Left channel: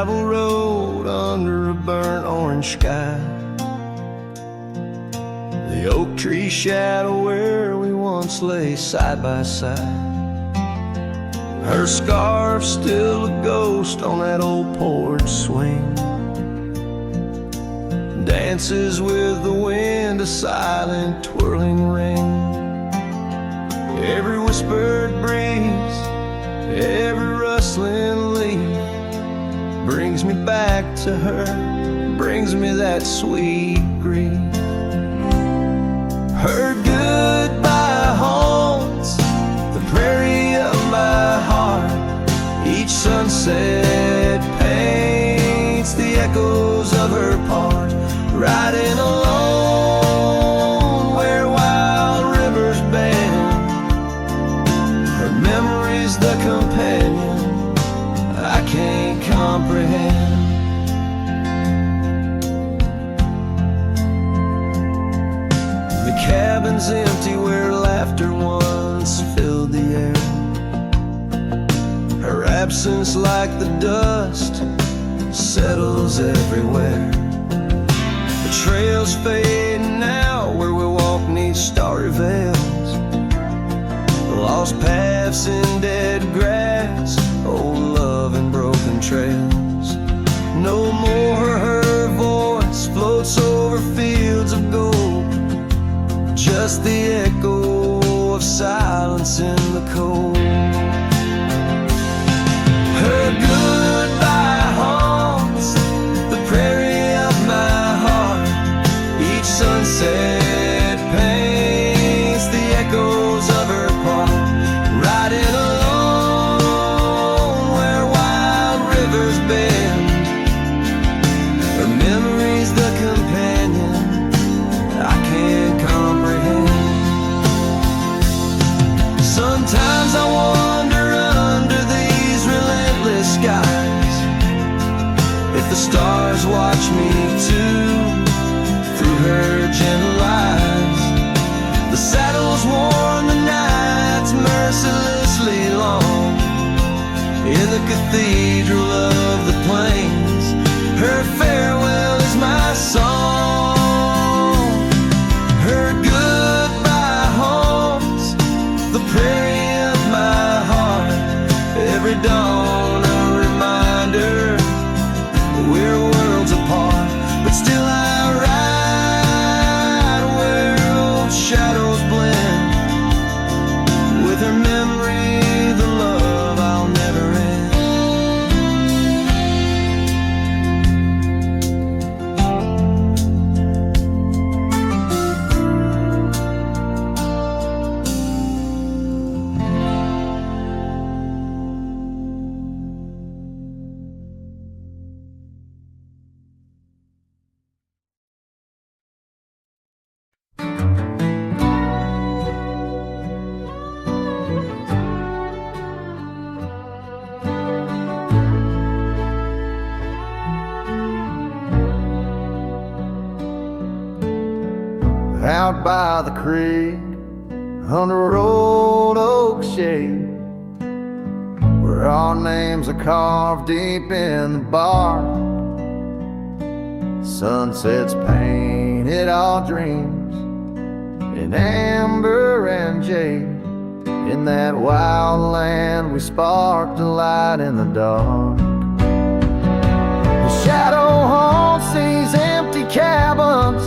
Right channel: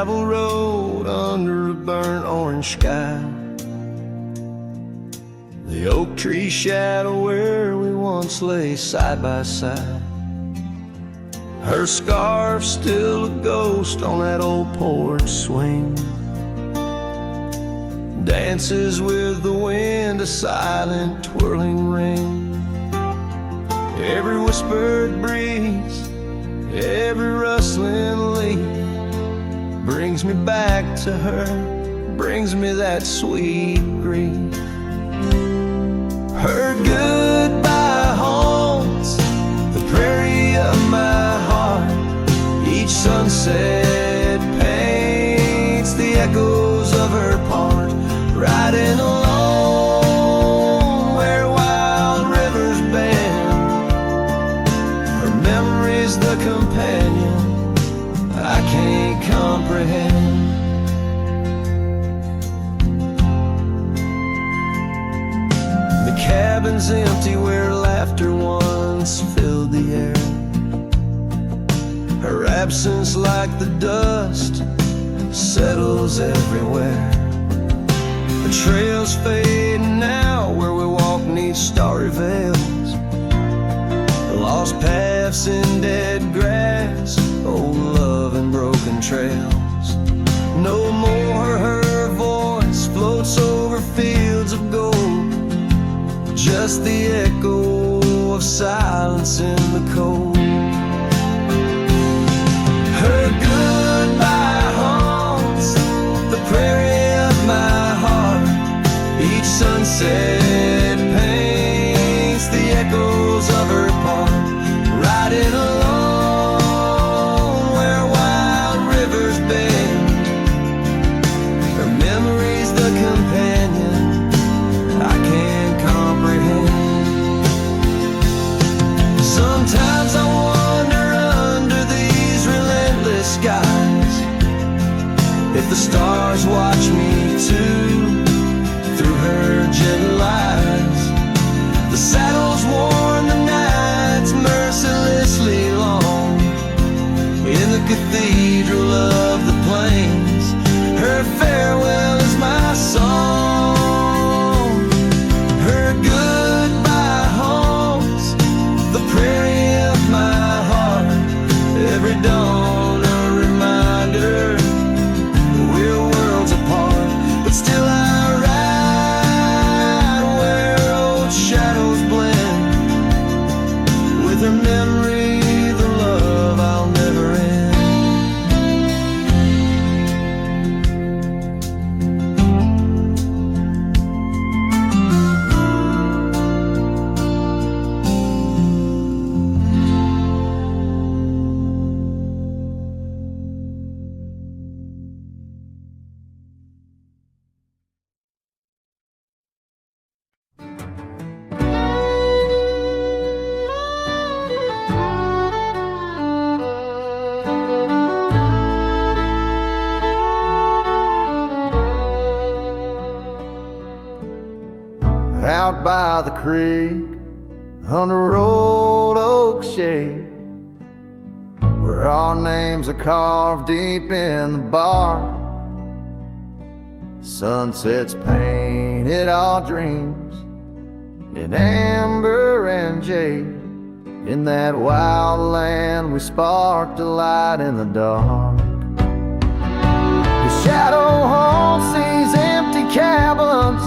gravel road under a burnt orange sky. The oak tree shadow where we once lay side by side. Her scarf still a ghost on that old porch swing. Dances with the wind, a silent twirling ring. Every whispered breeze, every rustling leaf brings me back to her, brings me that sweet grief. Her goodbye haunts the prairie of my heart. Each sunset paints the echoes of her part. Riding alone where wild rivers bend, her memory's the companion I can't comprehend. The cabin's empty where laughter once filled the air. Her absence, like the dust, settles everywhere. The trails fade now where we walk neath starry veils. Lost paths in dead grass, old love and broken trails. No more her voice floats over fields of gold, just the echo of silence in the cold. Her goodbye haunts the prairie of my heart. Each sunset paints the echoes of her part. Riding alone where wild rivers bend, her memory's the companion I can't comprehend. Sometimes I wander under these relentless skies, if the stars watch me too, through her gentle eyes. The saddle's worn, the night's mercilessly long. In the cathedral of the plains, her farewell is my song. Her goodbye haunts the prairie of my heart. Every dawn a reminder we're worlds apart, but still I ride where old shadows blend. With her memory, the love I'll never end. Out by the creek, under old oak shade, where our names are carved deep in the bark. Sunsets painted our dreams in amber and jade. In that wild land we sparked a light in the dark. The shadow haunts these empty cabins,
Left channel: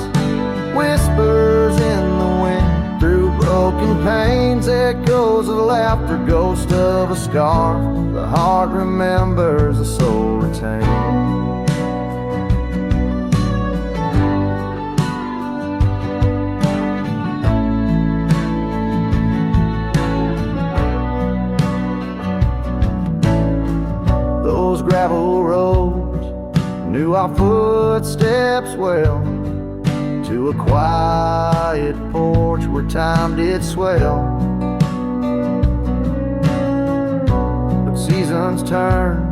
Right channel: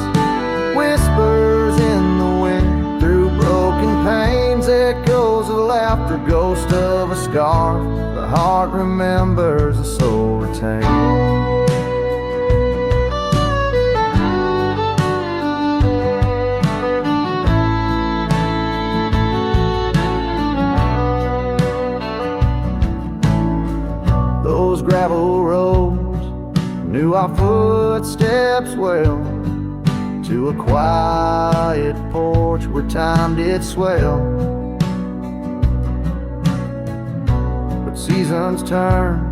whispers in the wind. Through broken panes, echoes of laughter, ghost of a scarf. The heart remembers, the soul retains. Those gravel roads knew our footsteps well, to a quiet porch where time did swell. But seasons turn,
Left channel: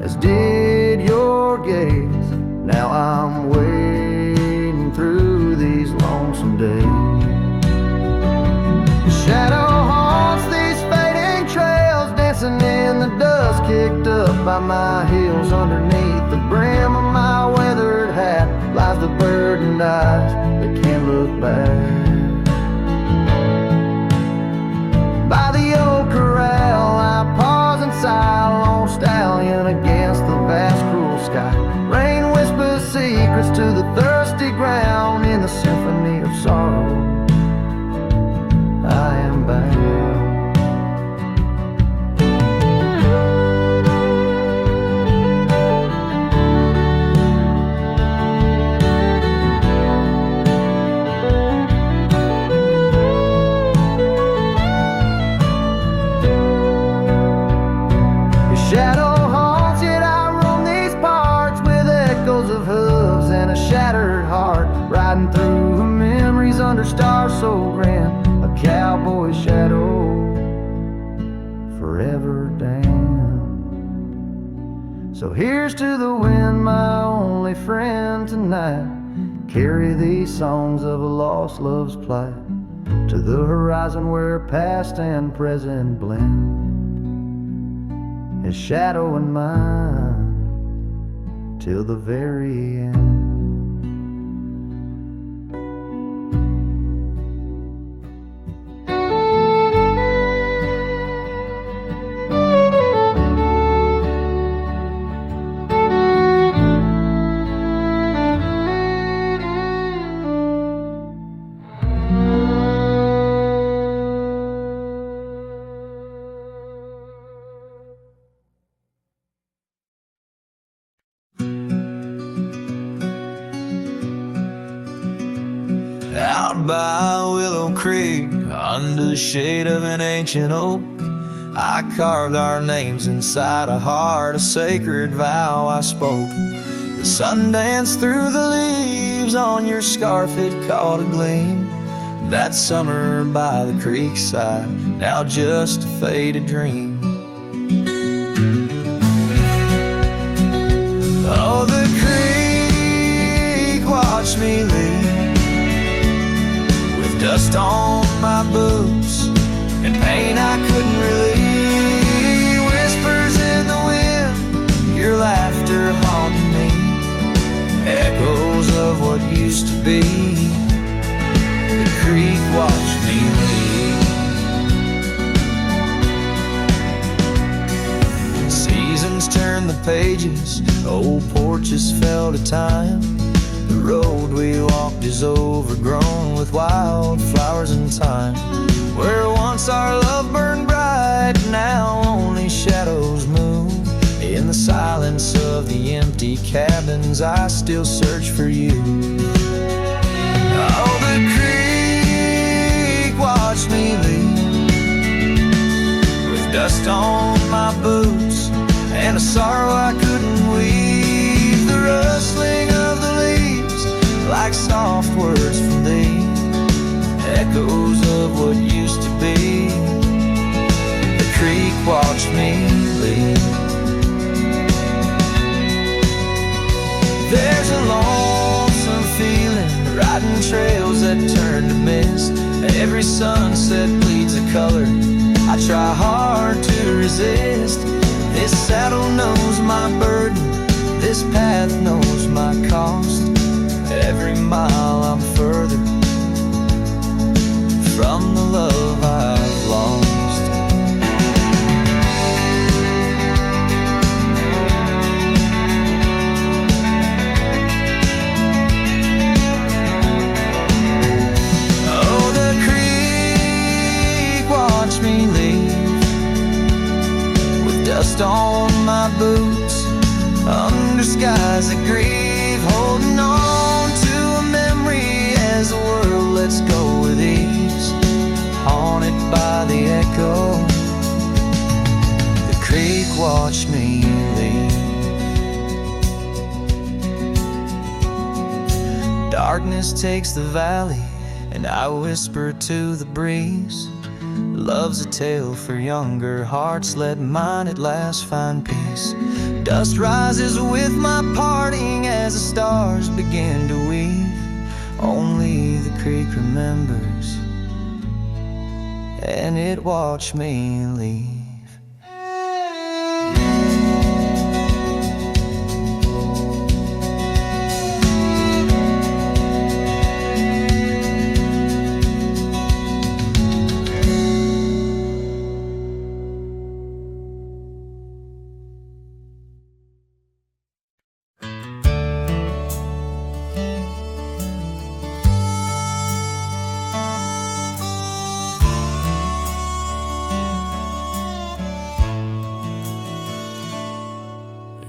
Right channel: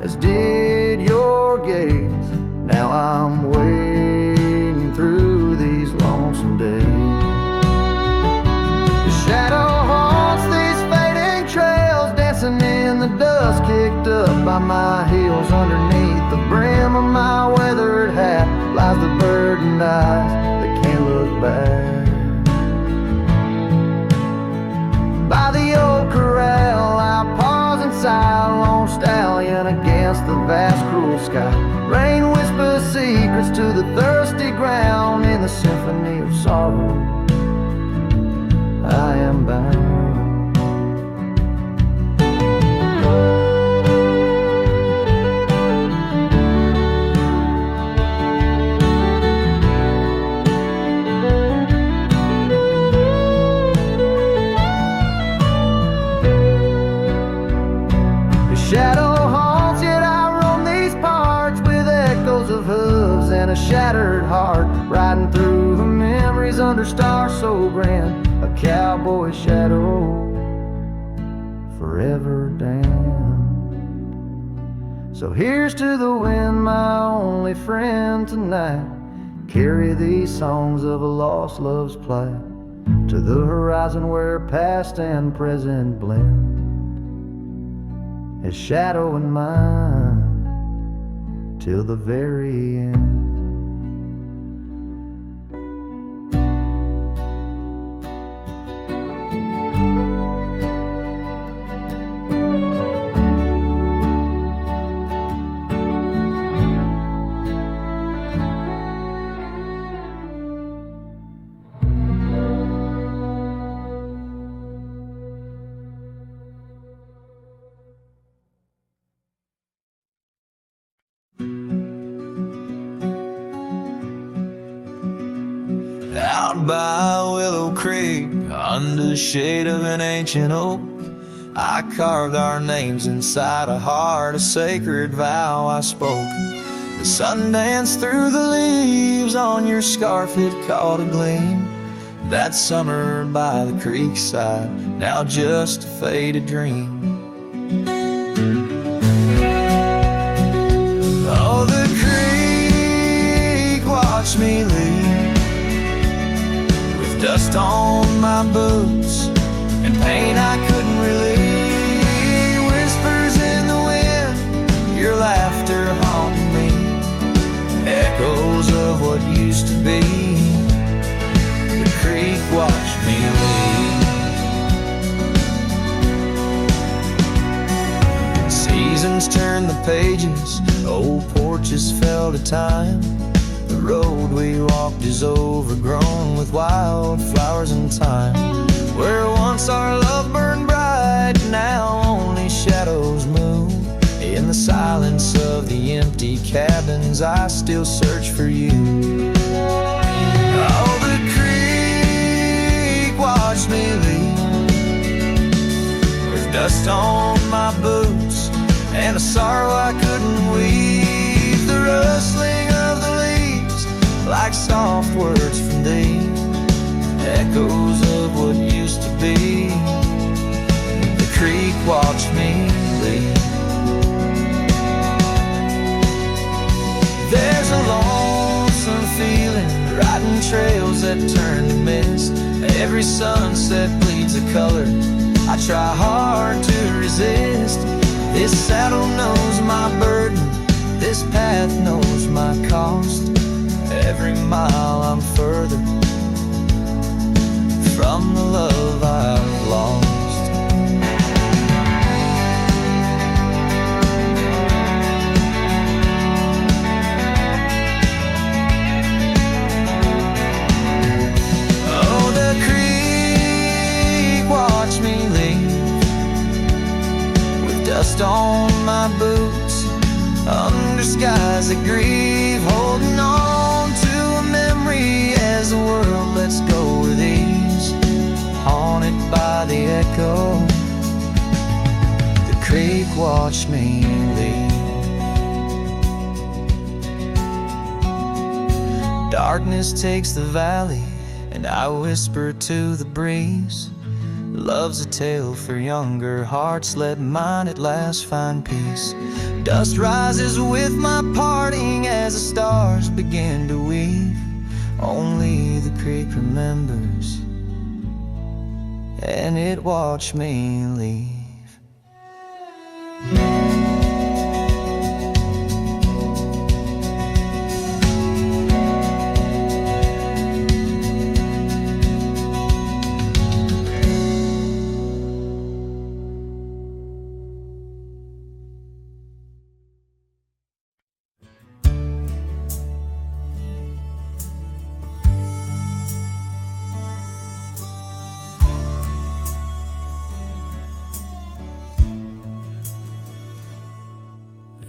as did your gaze. Now I'm wading through these lonesome days. The shadow haunts these fading trails, dancing in in the dust kicked up by my heels. Underneath the brim of my weathered hat lies the burdened eyes that can't look back. By the old corral I pause and sigh, lone stallion against the vast cruel sky. Rain whispers secrets to the thirsty ground. In the symphony of sorrow I am bound. Shadow haunts, yet I roam these parts with echoes of hooves and a shattered heart, riding through memories under stars so grand, a cowboy's shadow forever damned. So here's to the wind, my only friend tonight. Carry these songs of a lost love's plight to the horizon where past and present blend. His shadow and mine till the very end. Out by Willow Creek, under the shade of an ancient oak, I carved our names inside a heart, a sacred vow I spoke. The sun danced through the leaves on your scarf, it caught a gleam. That summer by the creek side, now just a faded dream. Oh, the creek watched me leave, with dust on my boots and pain I couldn't relieve. Whispers in the wind, your laughter haunting me, echoes of what used to be. The creek watched me leave. Seasons turn the pages, old porches fell to time. The road we walked is overgrown with wildflowers and thyme. Where once our love burned bright, now only shadows move. In the silence of the empty cabins, I still search for you. Oh, the creek watched me leave, with dust on my boots and a sorrow I couldn't weave. The rustling of the leaves, like soft words from thee, echoes of what used to be. The creek watched me leave. There's a lonesome feeling, riding trails that turn to mist. Every sunset bleeds a color I try hard to resist. This saddle knows my burden, this path knows my cost. Every mile I'm further from the love I've lost. Oh, the creek watched me leave, with dust on my boots, under skies that grieve, holding on to a memory as the world lets go with ease, haunted by the echo. The creek watched me leave. Darkness takes the valley, and I whisper to the breeze, love's a tale for younger hearts, let mine at last find peace. Dust rises with my parting as the stars begin to weave. Only the creek remembers, and it watched me leave.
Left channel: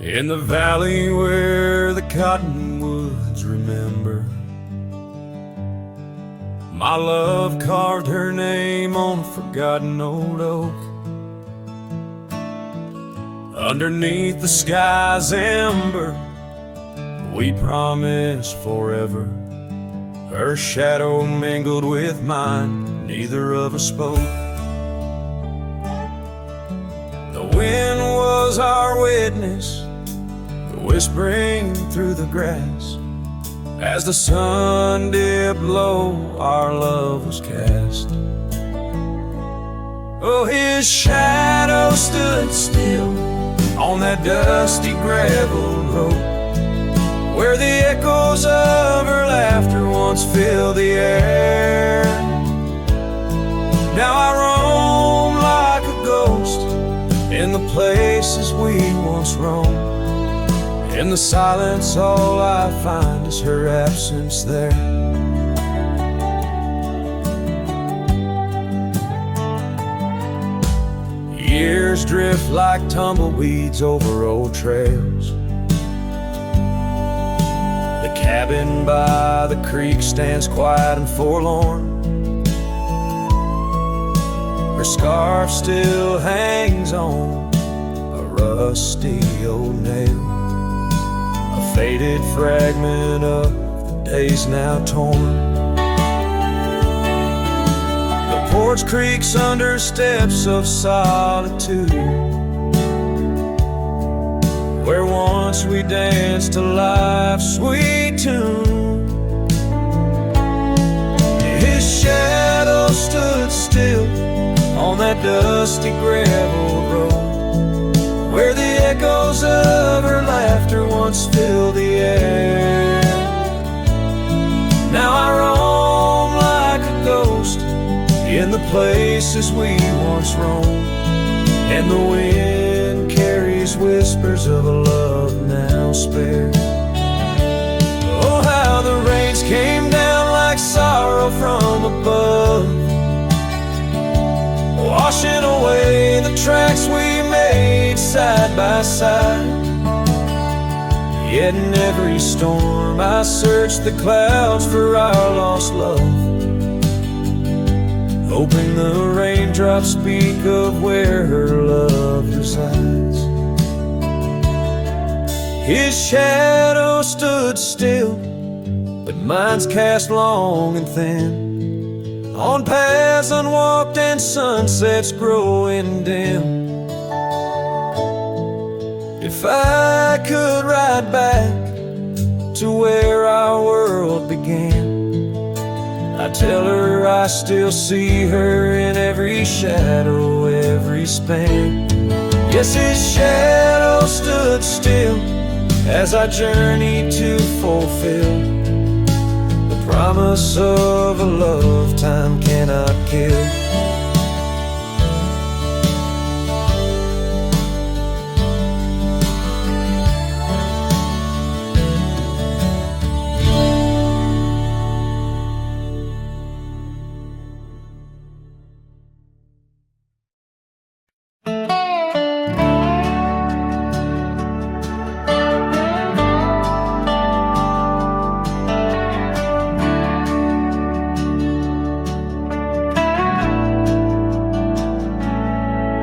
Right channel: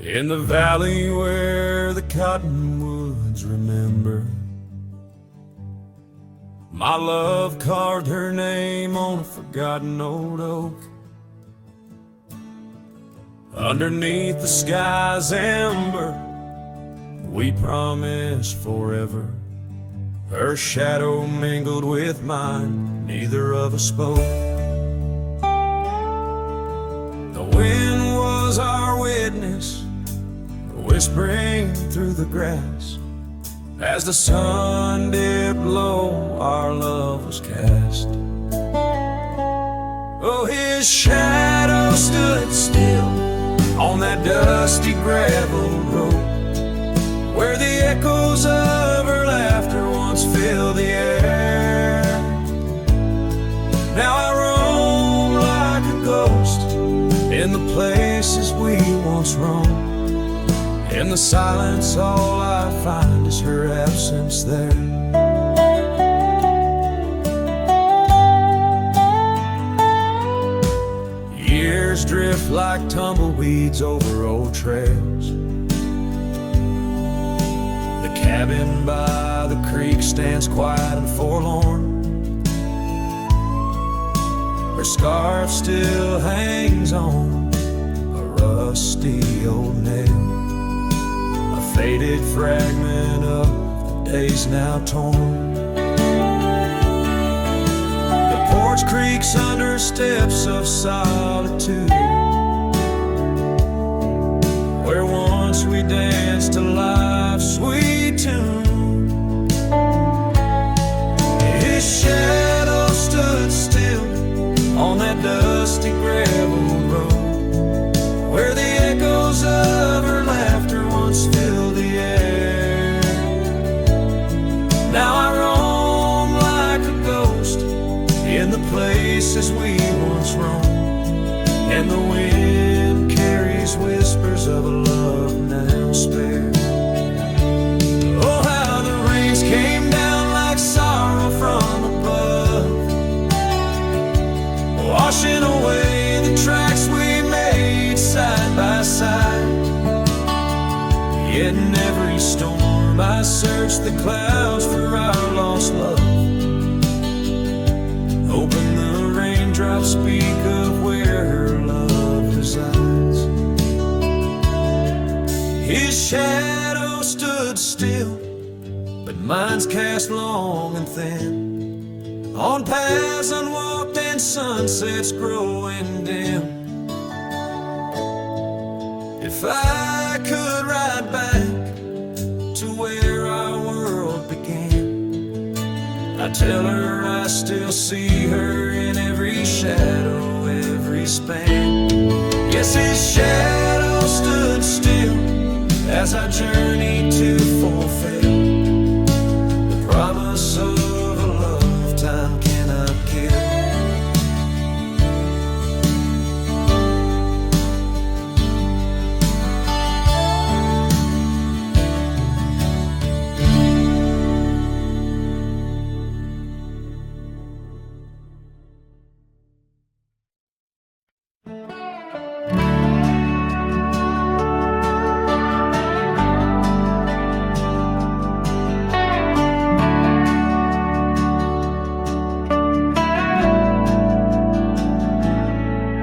In the valley where the cottonwoods remember, my love carved her name on a forgotten old oak. Underneath the sky's ember, we promised forever. Her shadow mingled with mine, neither of us spoke. The wind was our witness, whispering through the grass. As the sun dipped low, our love was cast. Oh, his shadow stood still on that dusty gravel road, where the echoes of her laughter once filled the air. Now I roam like a ghost in the places we once roamed. In the silence, all I find is her absence there. Years drift like tumbleweeds over old trails. The cabin by the creek stands quiet and forlorn. Her scarf still hangs on a rusty old nail, a faded fragment of the days now torn. The porch creaks under steps of solitude, where once we danced to life's sweet tune. His shadow stood still on that dusty gravel road, where the echoes of her laughter once filled the air. Now I roam like a ghost in the places we once roamed, and the wind carries whispers of a love now spared. Oh, how the rains came down like sorrow from above, washing away the tracks we made side by side. Yet in every storm I search the clouds for our lost love, hoping the raindrops speak of where her love resides. His shadow stood still, but mine's cast long and thin, on paths unwalked and sunsets growing dim. If I could ride back to where our world began, I'd tell her I still see her in every shadow, every span. Yes, his shadow stood still as I journeyed to fulfill the promise of a love time cannot kill.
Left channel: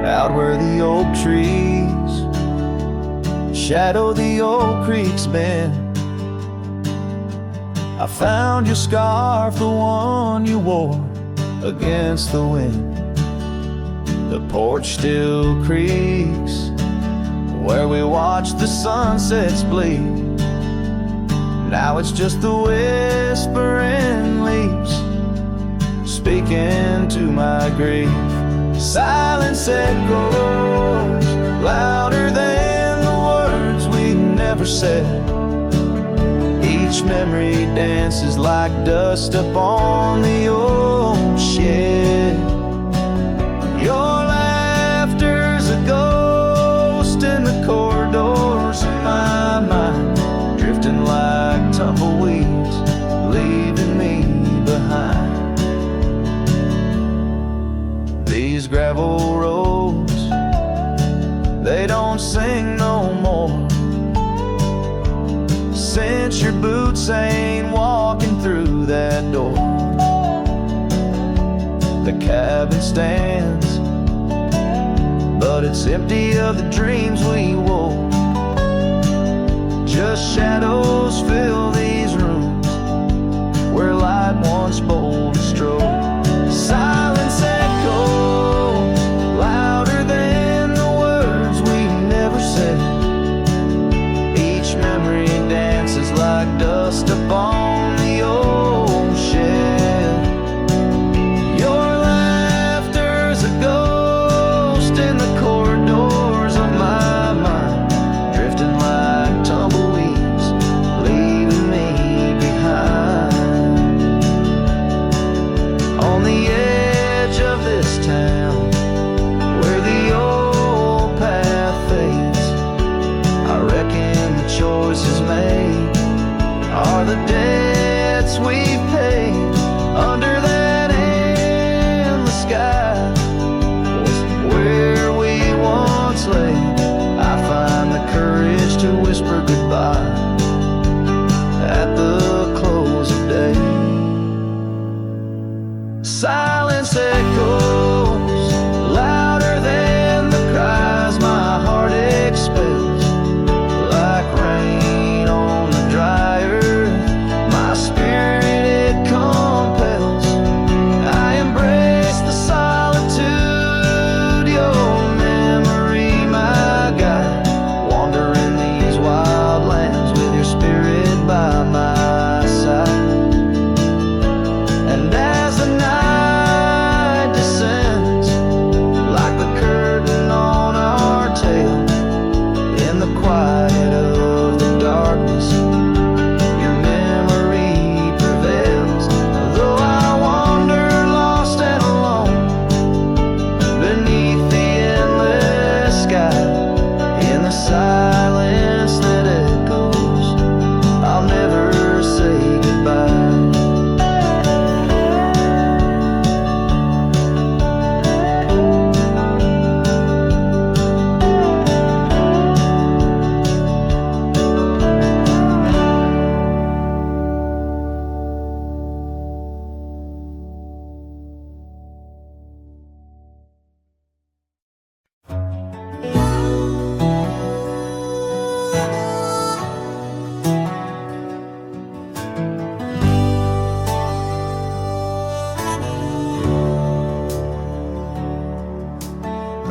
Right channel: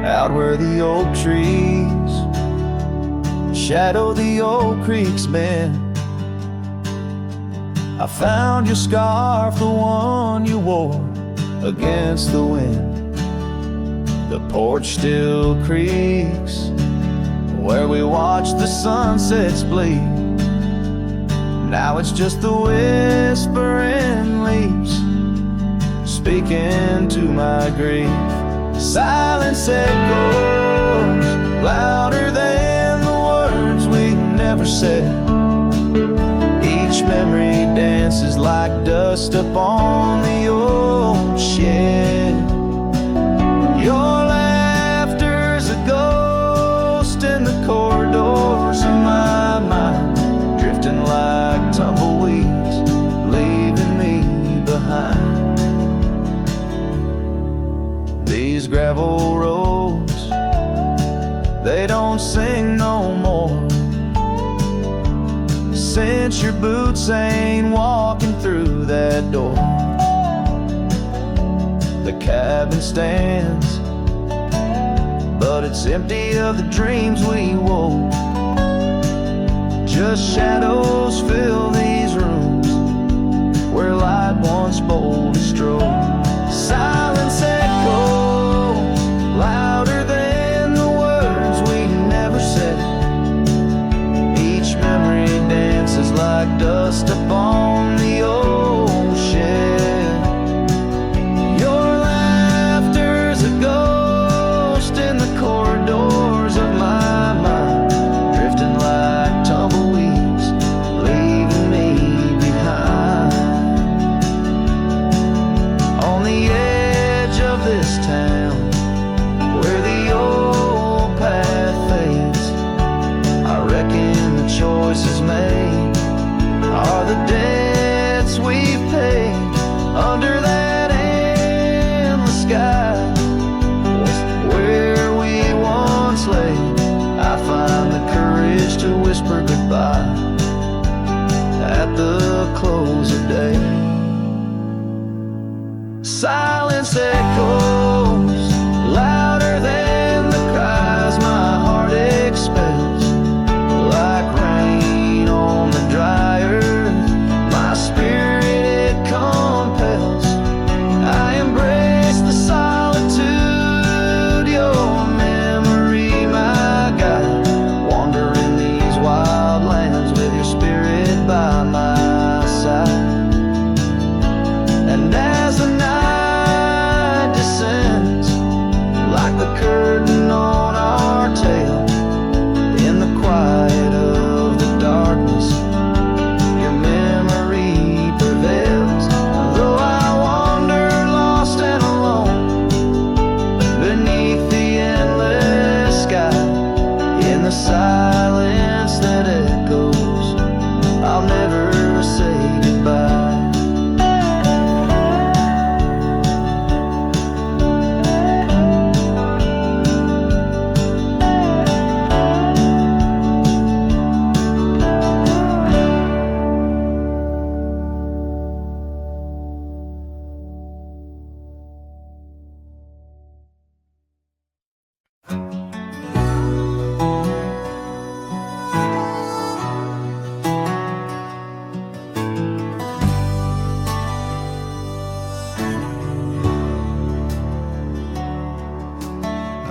Out where the oak trees shadow the old creek's bend, I found your scarf, the one you wore against the wind. The porch still creaks where we watched the sunsets bleed. Now it's just the whispering leaves speaking to my grief. Silence echoes louder than the words we never said. Each memory dances like dust upon the old shed. Your laughter's a ghost in the corridors of my mind, drifting like tumbleweeds, leaving me behind. These gravel roads, they don't sing no more. since your boots ain't walking through that door. The cabin stands, but it's empty of the dreams we wore. Just shadows fill these rooms where light once boldly strode. Silence echoes louder than the words we never said. Each memory dances like dust upon the old shed. Your laughter's a ghost in the corridors of my mind, drifting like tumbleweeds, leaving me behind. On the edge of this town, where the old path fades, I reckon the choices made are the debts we've paid. Under that endless sky was where we once lay. I find the courage to whisper goodbye at the close of day. Silence echoes louder than the cries my heart expels. Like rain on the dry earth, my spirit it compels. I embrace the solitude, your memory my guide. Wandering these wild lands with your spirit by my side. And as the night descends, like the curtain on our tale, in the quiet of the darkness, your memory prevails. Though I wander lost and alone beneath the endless sky, in the silence that echoes, I'll never say goodbye.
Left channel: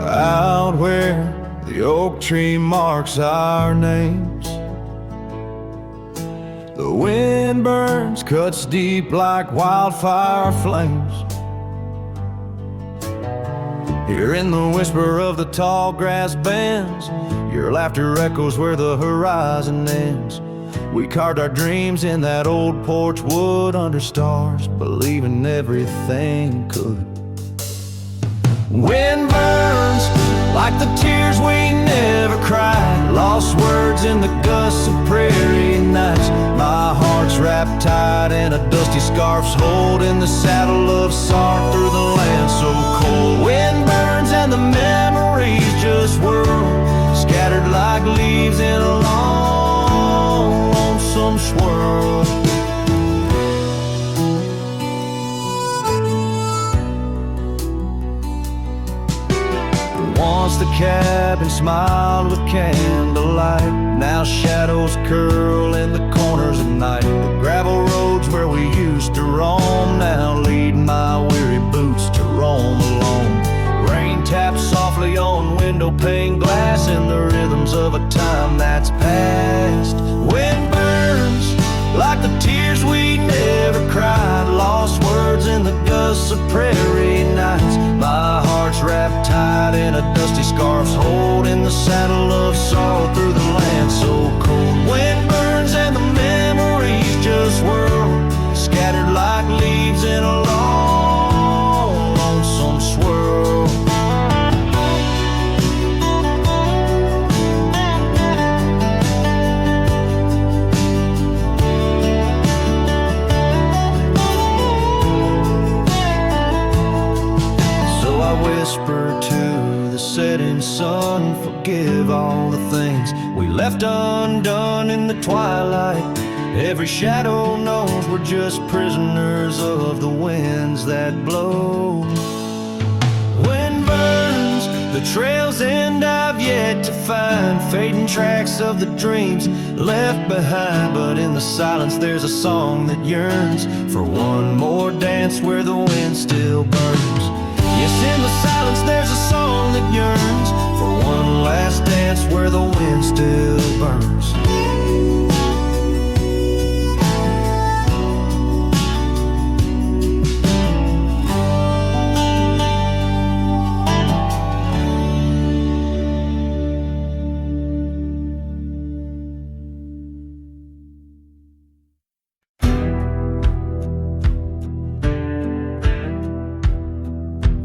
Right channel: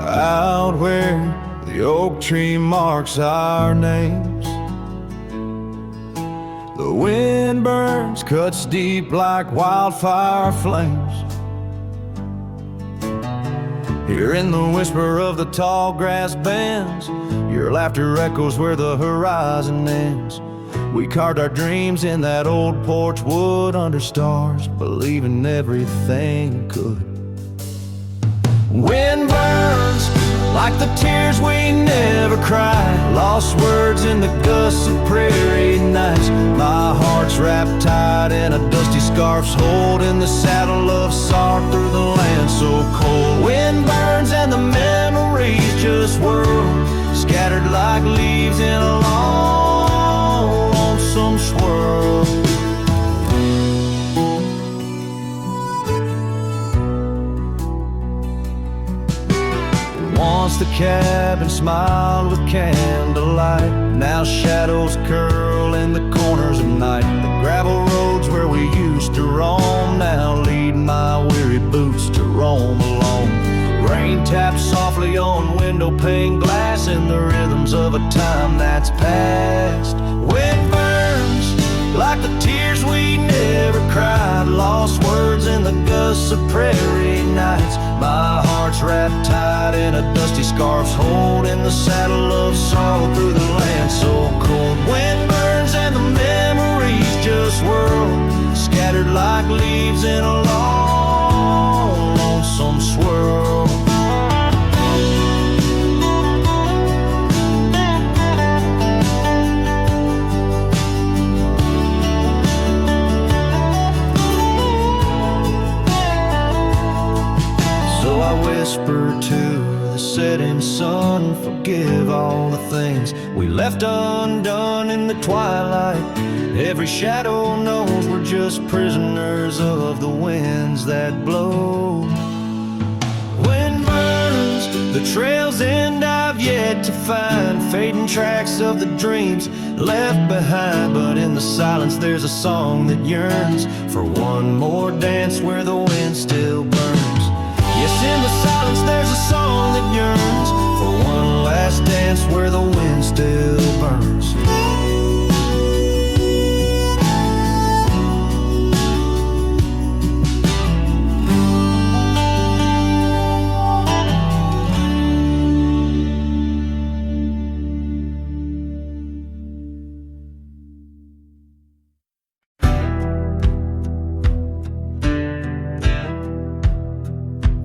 Out where the oak tree marks our names, the wind burns, cuts deep like wildfire flames. Hearing the whisper of the tall grass bends, your laughter echoes where the horizon ends. We carved our dreams in that old porch wood under stars, believing everything could. Wind burns like the tears we never cried, lost words in the gusts of prairie nights. My heart's wrapped tight in a dusty scarf's hold, in the saddle of sorrow through the land so cold. Wind burns and the memories just whirl, scattered like leaves in a long, lonesome swirl. Once the cabin smiled with candlelight, now shadows curl in the corners of night. The gravel roads where we used to roam now lead my weary boots to roam alone. Rain taps softly on window pane glass in the rhythms of a time that's past. Wind burns like the tears we never cried, lost words in the gusts of prairie nights. My heart's wrapped tight in a dusty scarf's hold, in the saddle of sorrow through the land so cold. Wind burns and the memories just whirl, scattered like leaves in a long, lonesome swirl. I whisper to the setting sun. Forgive all the things we left undone in the twilight. Every shadow knows we're just prisoners of the winds that blow. Wind burns, the trail's end I've yet to find, fading tracks of the dreams left behind. But in the silence there's a song that yearns for one more dance where the wind still burns. Yes, in the silence there's a song that yearns for one last dance where the wind still burns.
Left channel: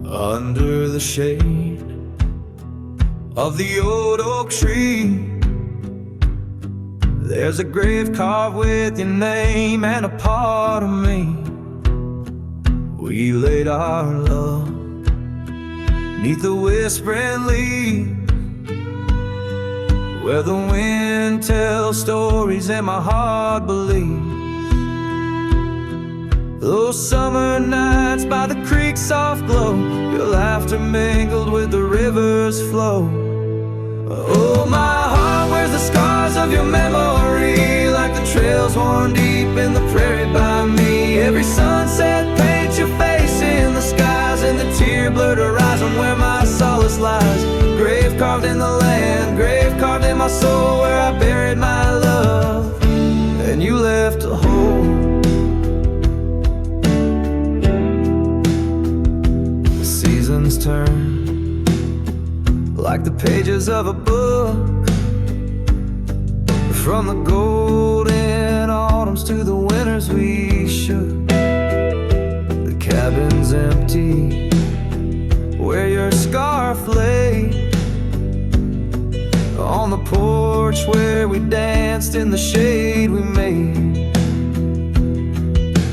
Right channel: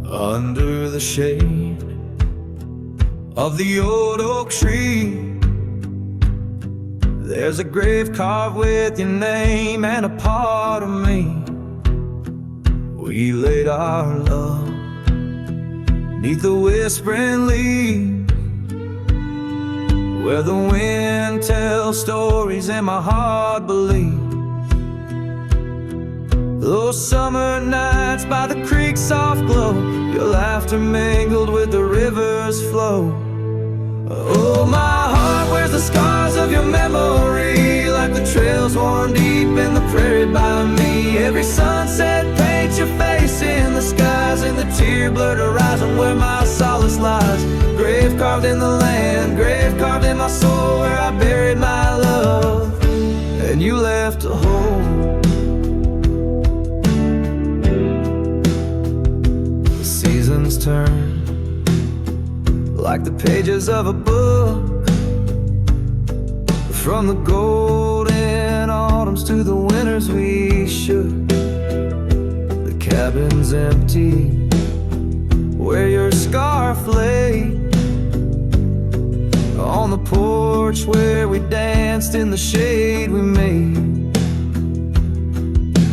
Under the shade of the old oak tree, there's a grave carved with your name and a part of me. We laid our love 'neath the whispering leaves, where the wind tells stories and my heart believes. Those summer nights by the creek's soft glow, your laughter mingled with the river's flow. Oh, my heart wears the scars of your memory, like the trails worn deep in the prairie by me. Every sunset paints your face in the skies, and the tear-blurred horizon where my solace lies. Grave carved in the land, grave carved in my soul, where I buried my love, and you left a hole. Seasons turn like the pages of a book, from the golden autumns to the winters we shook. The cabin's empty where your scarf lay, on the porch where we danced in the shade we made.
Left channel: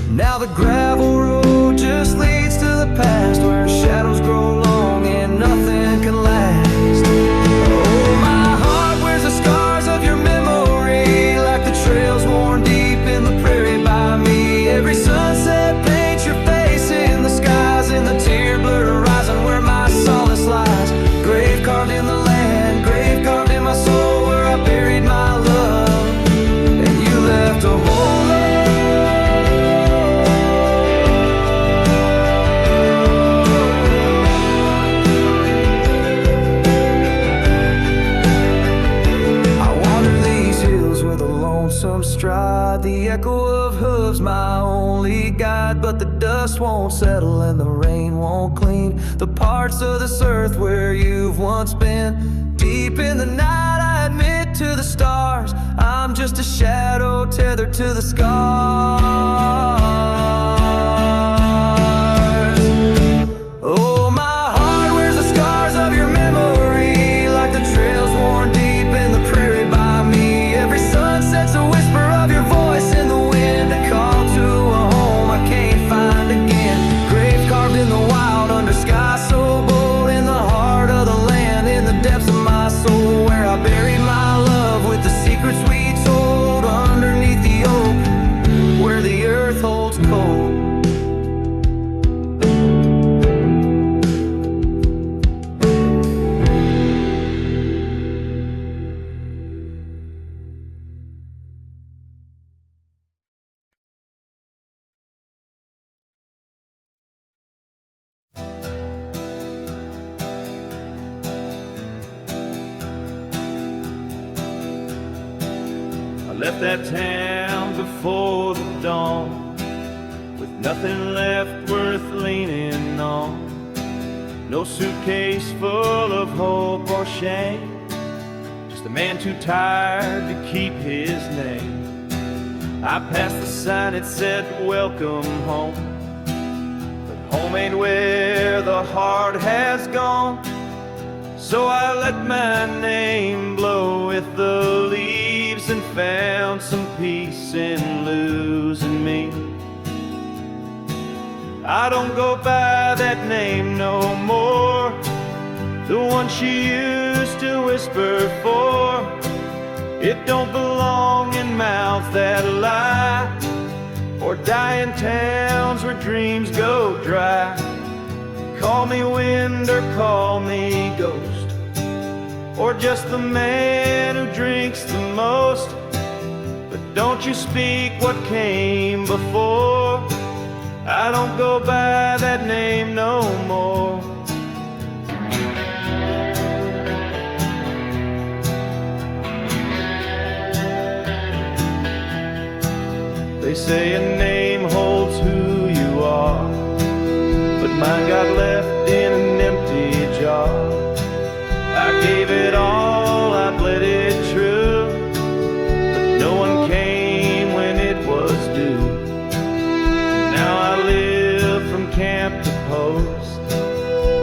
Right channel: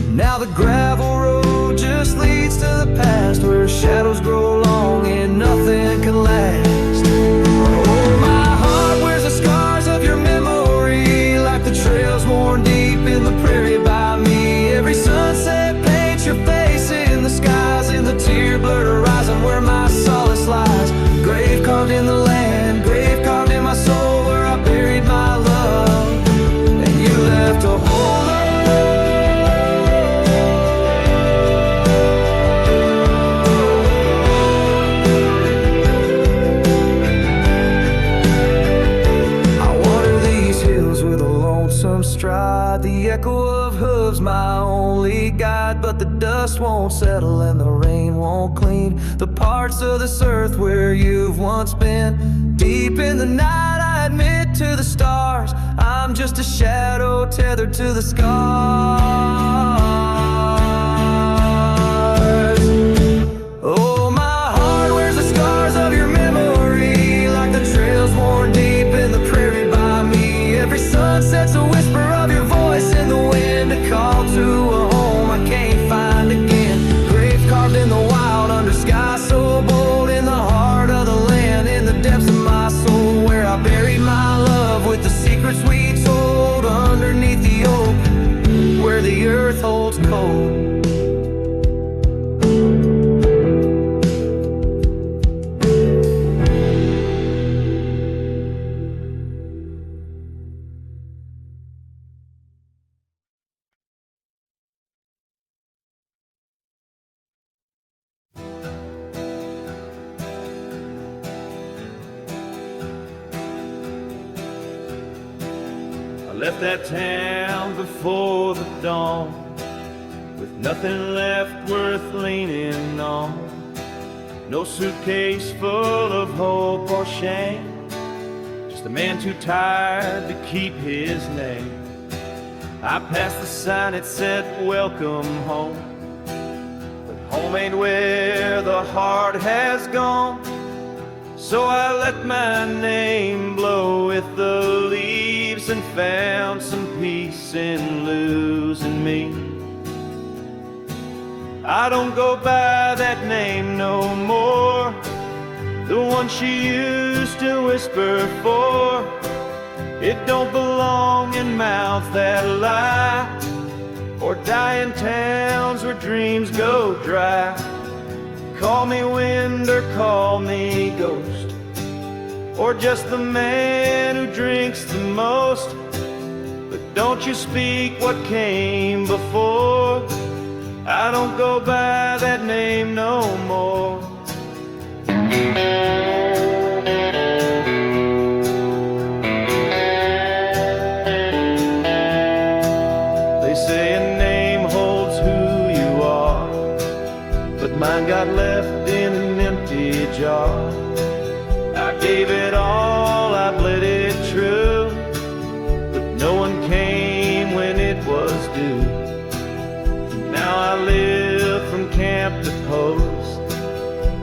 Now the gravel road just leads to the past, where shadows grow long and nothing can last. Oh, my heart wears the scars of your memory, like the trails worn deep in the prairie by me. Every sunset paints your face in the skies, in the tear-blurred horizon where my solace lies. Grave carved in the land, grave carved in my soul, where I buried my love, and you left a hole. With a lonesome stride, the echo of hooves my only guide. But the dust won't settle and the rain won't clean the parts of this earth where you've once been. Deep in the night I admit to the stars, I'm just a shadow tethered to the scars. Oh, my heart wears the scars of your memory, like the trails worn deep in the prairie by me. Every sunset's a whisper of your voice in the wind, a call to a home I can't find again. Grave carved in the wild under sky so bold, in the heart of the land, in the depths of my soul, where I buried my love with the secrets we told underneath the oak, where the earth holds cold. I left that town before the dawn, with nothing left worth leaning on. No suitcase full of hope or shame, just a man too tired to keep his name. I passed the sign, it said welcome home, but home ain't where the heart has gone. So I let my name blow with the leaves and found some peace in losing me. I don't go by that name no more. the one she used to whisper for. It don't belong in mouths that lie, or die in towns where dreams go dry. Call me wind or call me ghost, or just the man who drinks the most. But don't you speak what came before. I don't go by that name no more. They say a name holds who you are, but mine got left in an empty jar. I gave it all, I bled it true, but no one came when it was due. Now I live from camp to post,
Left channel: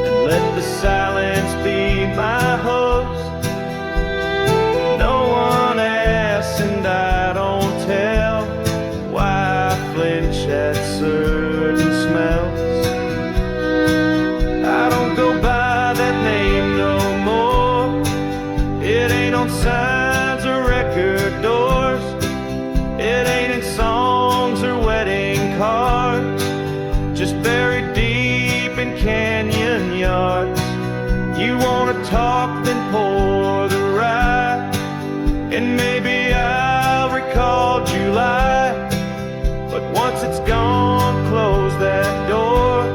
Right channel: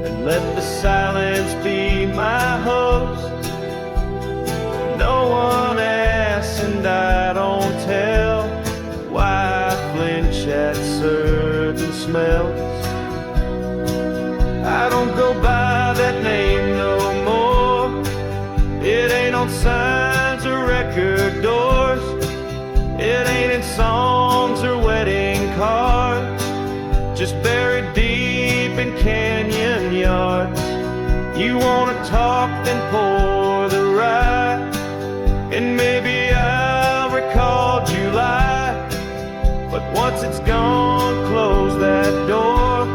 and let the silence be my host. No one asks and I don't tell why I flinch at certain smells. I don't go by that name no more. It ain't on signs or record doors. It ain't in songs or wedding cards, just buried deep in canyon yards. You wanna talk, then pour the rye, and maybe I'll recall July. But once it's gone, close that door.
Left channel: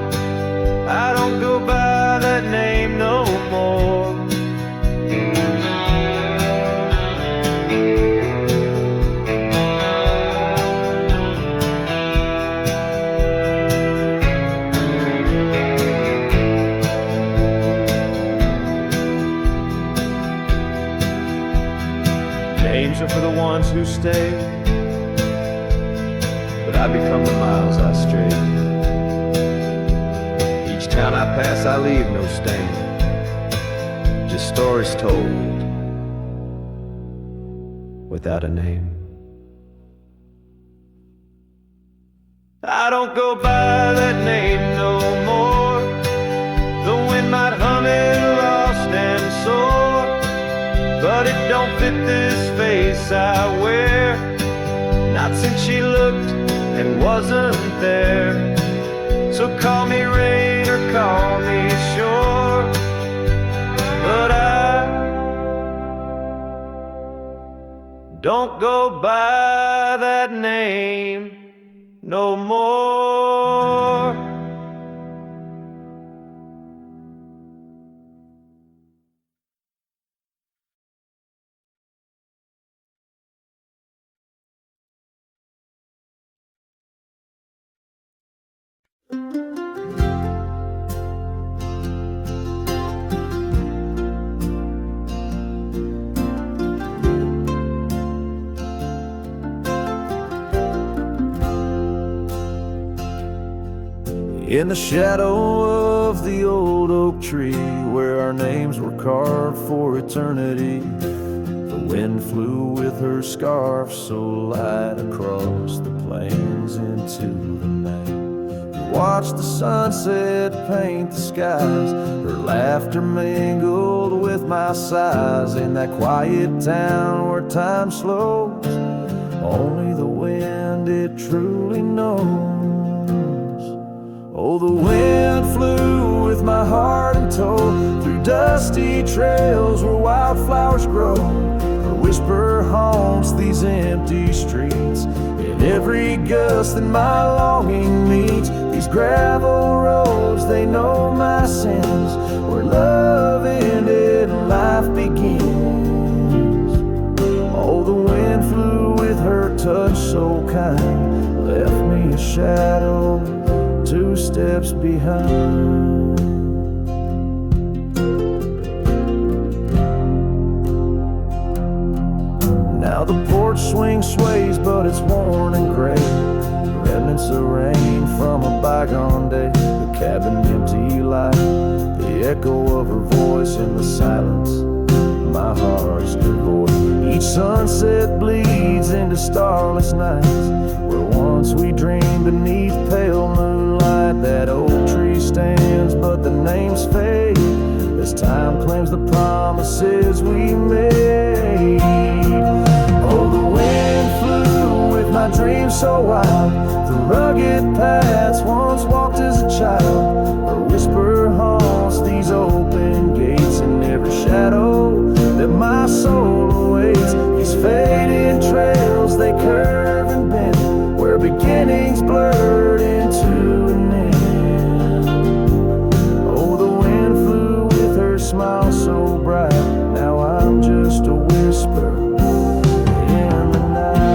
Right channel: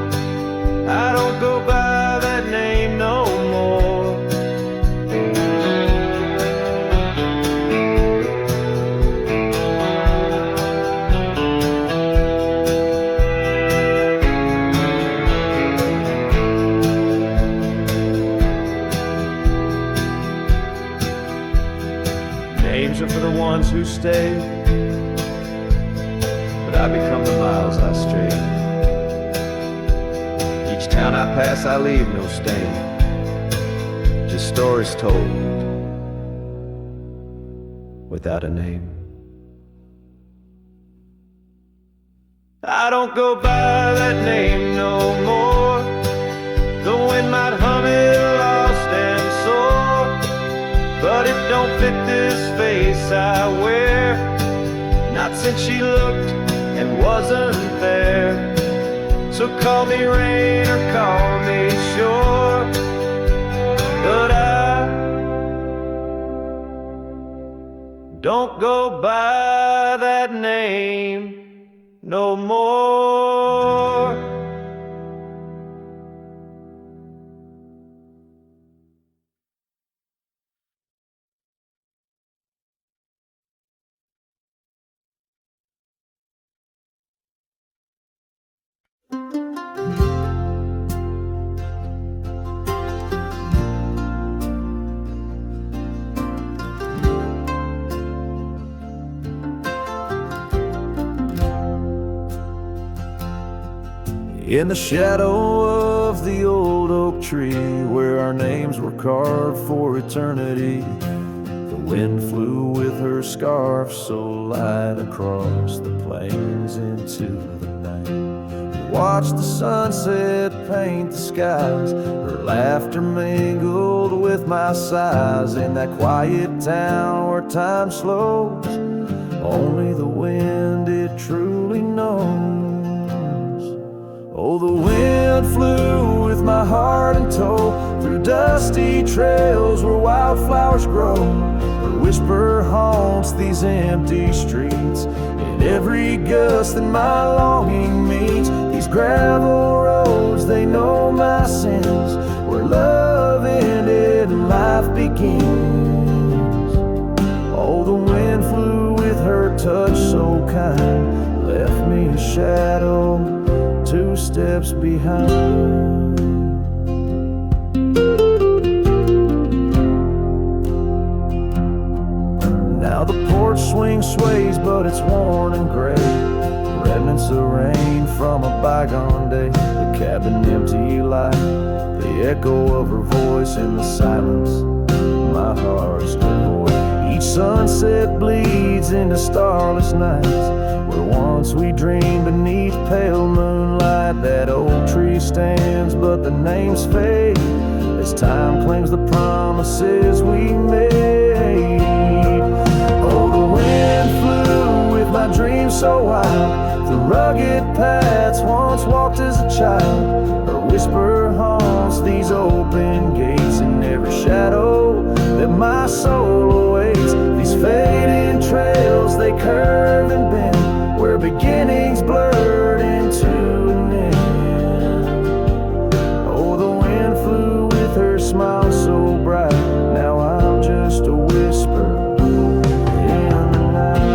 I don't go by that name no more. Names are for the ones who stay, but I become the miles I stray. Each town I pass I leave no stain, just stories told without a name. I don't go by that name no more. The wind might hum it lost and sore, but it don't fit this face I wear, not since she looked and wasn't there. So call me rain or call me shore, but I don't go by that name no more. In the shadow of the old oak tree, where our names were carved for eternity, the wind flew with her scarf so light across the plains into the night. We watched the sunset paint the skies, her laughter mingled with my sighs. In that quiet town where time slows, only the wind it truly knows. Oh, the wind flew with my heart in tow, through dusty trails where wildflowers grow. Her whisper haunts these empty streets, in every gust that my longing meets. These gravel roads, they know my sins, where love ended and life begins. Oh, the wind flew with her touch so kind, left me a shadow 2 steps behind. Now the porch swing sways, but it's worn and gray, remnants of rain from a bygone day. The cabin empty like the echo of her voice in the silence. My heart's devoid. Each sunset bleeds into starless nights, where once we dreamed beneath pale moonlight. That oak tree stands, but the names fade, as time claims the promises we made. Oh, the wind flew with my dreams so wild, through rugged paths once walked as a child. Her whisper haunts these open gates, in every shadow that my soul awaits. These fading trails, they curve and bend, where beginnings blurred into an end. Oh, the wind flew with her smile so bright, now I'm just a whisper in the night.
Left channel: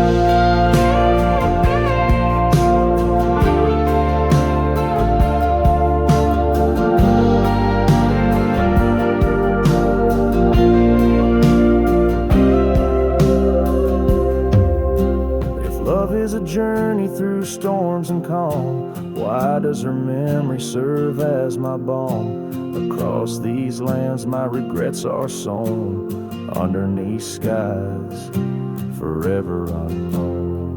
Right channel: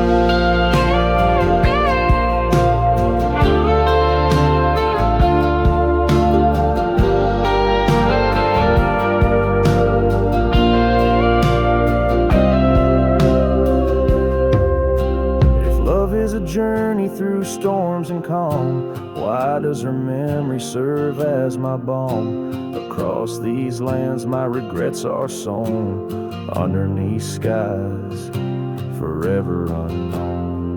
Love is a journey through storms and calm, why does her memory serve as my balm? Across these lands my regrets are sown, underneath skies forever unknown.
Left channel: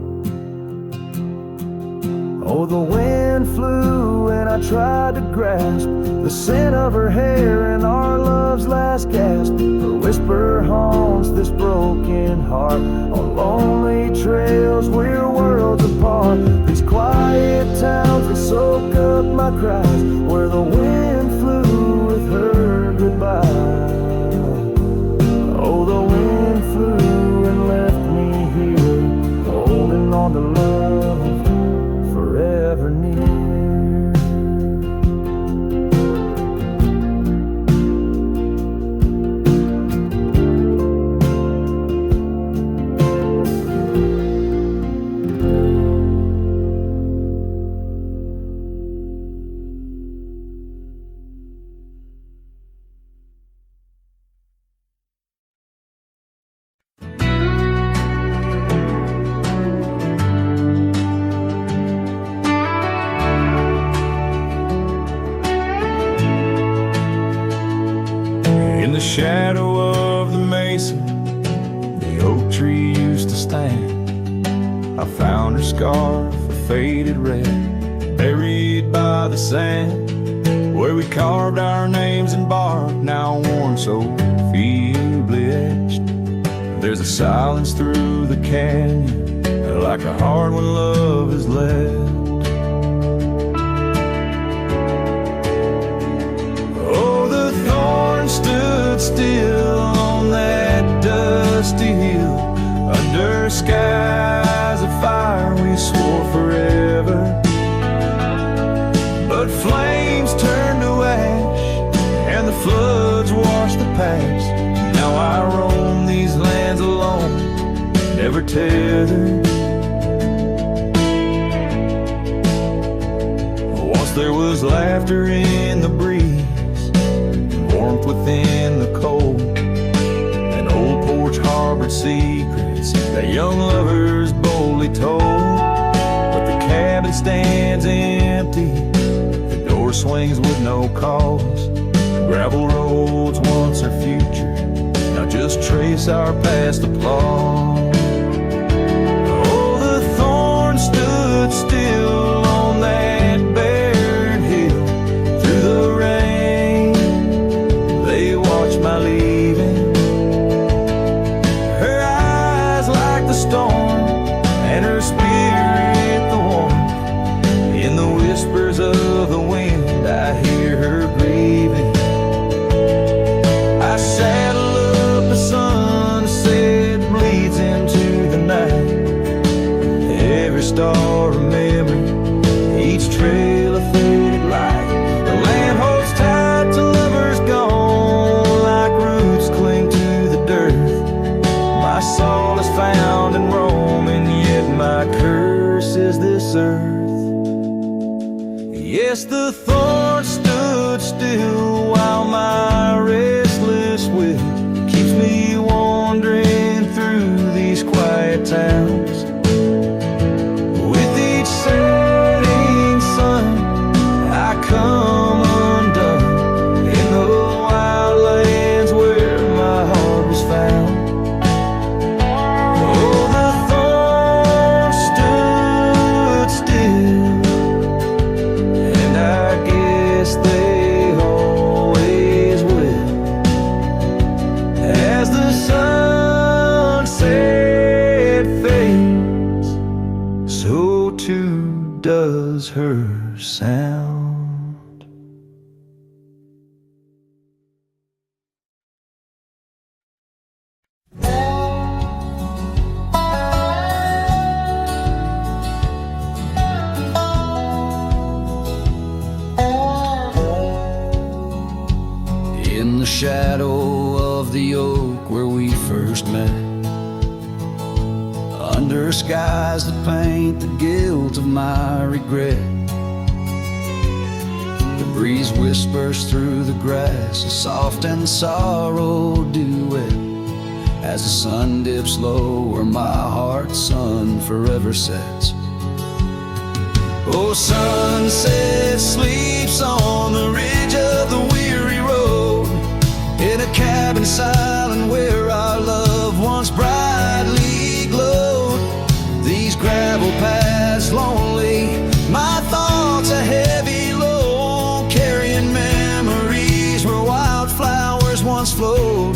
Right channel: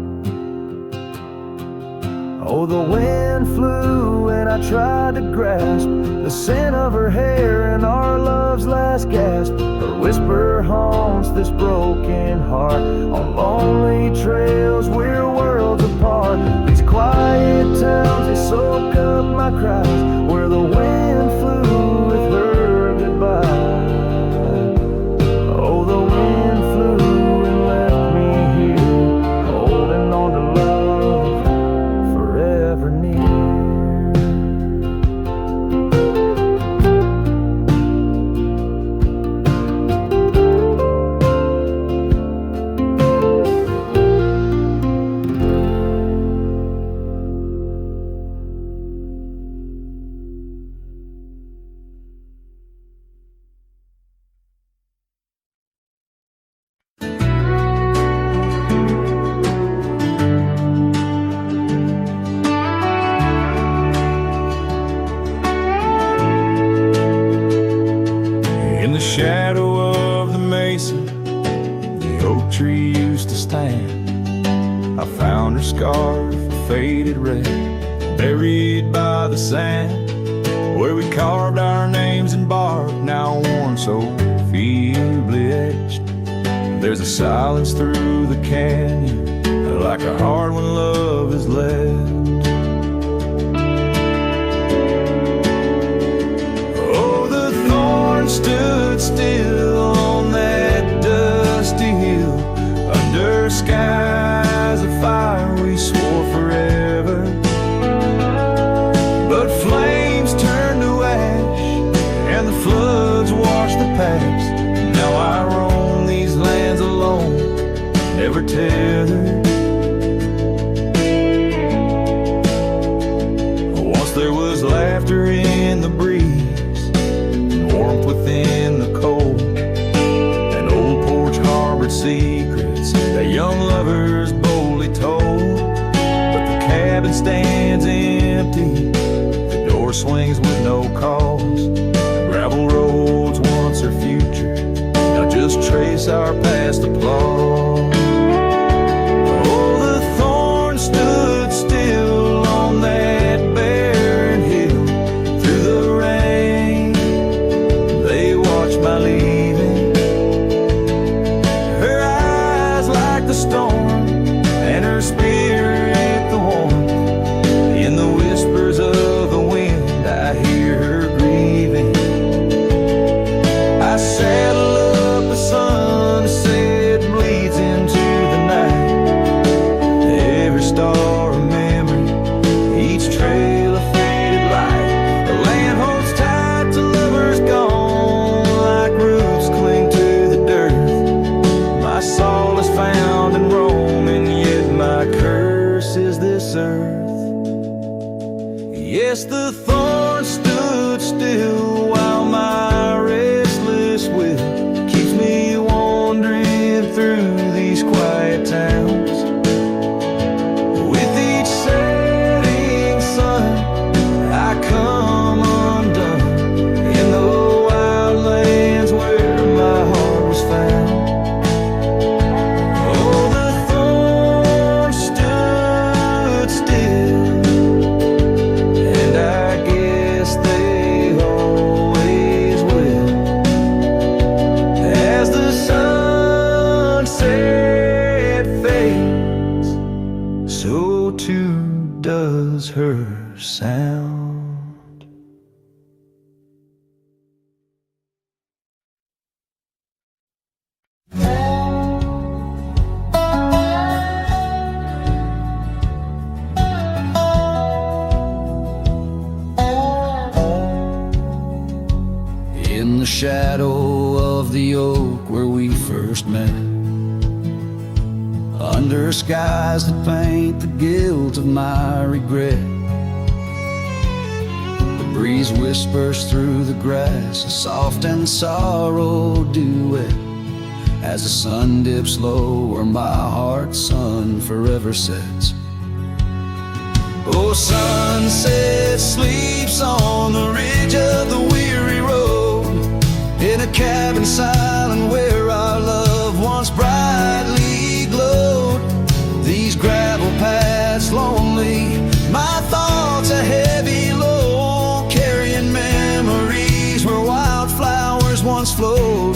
Oh, the wind flew and I tried to grasp the scent of her hair and our love's last gasp. Her whisper haunts this broken heart, on lonely trails we're worlds apart. These quiet towns, they soak up my cries, where the wind flew with her goodbye. Oh, the wind flew and left me here, holding on to love forever near. In the shadow of the mesa, the oak tree used to stand. I found her scarf, a faded red, buried by the sand, where we carved our names in bark, now worn so feebly etched. There's a silence through the canyon, like a heart when love is left. Oh, the thorn stood still on that dusty hill, under skies of fire we swore forever. But flames turned to ash, and the floods washed the past. Now I roam these lands alone, never tethered. Once there was laughter in the breeze, warmth within the cold. An old porch harbored secrets that young lovers boldly told. But the cabin stands empty, the door swings with no cause. Gravel roads once our future, now just trace our past applause. Oh, the thorn stood still on that barren hill, through the rain they watched my leaving. Her eyes like the storm, and her spirit the warmth. In the whispers of the wind I hear her grieving. I saddle up a sunset, bleeds into the night. Every star a memory, each trail a faded light. The land holds tight to lovers gone, like roots cling to the dirt. My solace found in Rome, and yet my curse is this earth. Yes, the thorn stood still while my restless will keeps me wandering through these quiet towns. With each setting sun I come undone in the wild lands where my heart was found. Oh, the thorn stood still, and I guess they always will. so too does her sound. In the shadow of the oak where we first met, under skies that paint the guilt of my regret, the breeze whispers through the grass, a soft and sorrow duet, as the sun dips low where my heart's sun forever sets. Oh, sunset sleeps on the ridge of the weary road, in a cabin silent where our love once brightly glowed. These gravel paths lonely, my thoughts a heavy load, carrying memories where wildflowers once flowed.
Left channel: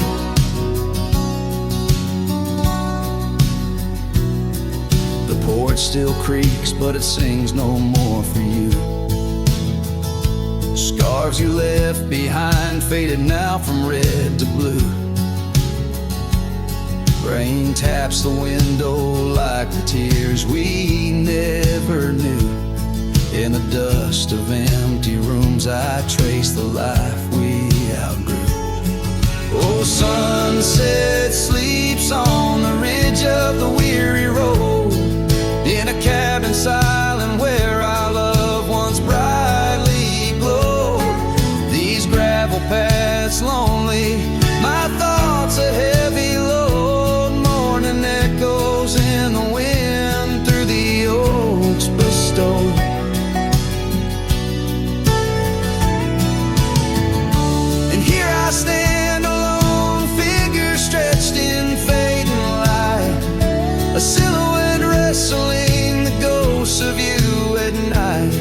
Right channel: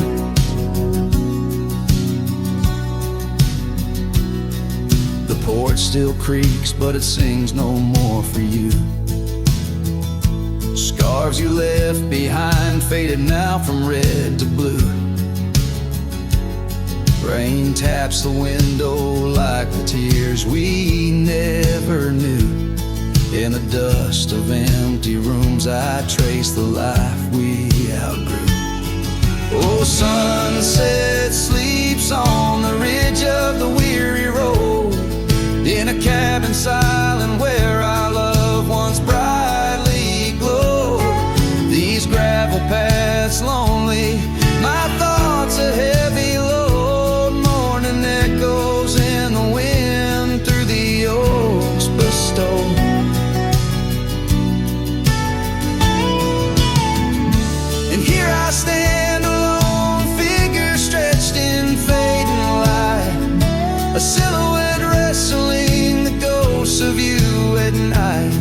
The porch still creaks, but it sings no more for you. Scarves you left behind faded now from red to blue. Rain taps the window like the tears we never knew. In the dust of empty rooms I trace the life we outgrew. Oh, sunset sleeps on the ridge of the weary road, in a cabin silent where our love once brightly glowed. These gravel paths lonely, my thoughts a heavy load, mourning echoes in the wind through the oaks bestowed. And here I stand, a lone figure stretched in fading light, a silhouette wrestling the ghosts of you at night.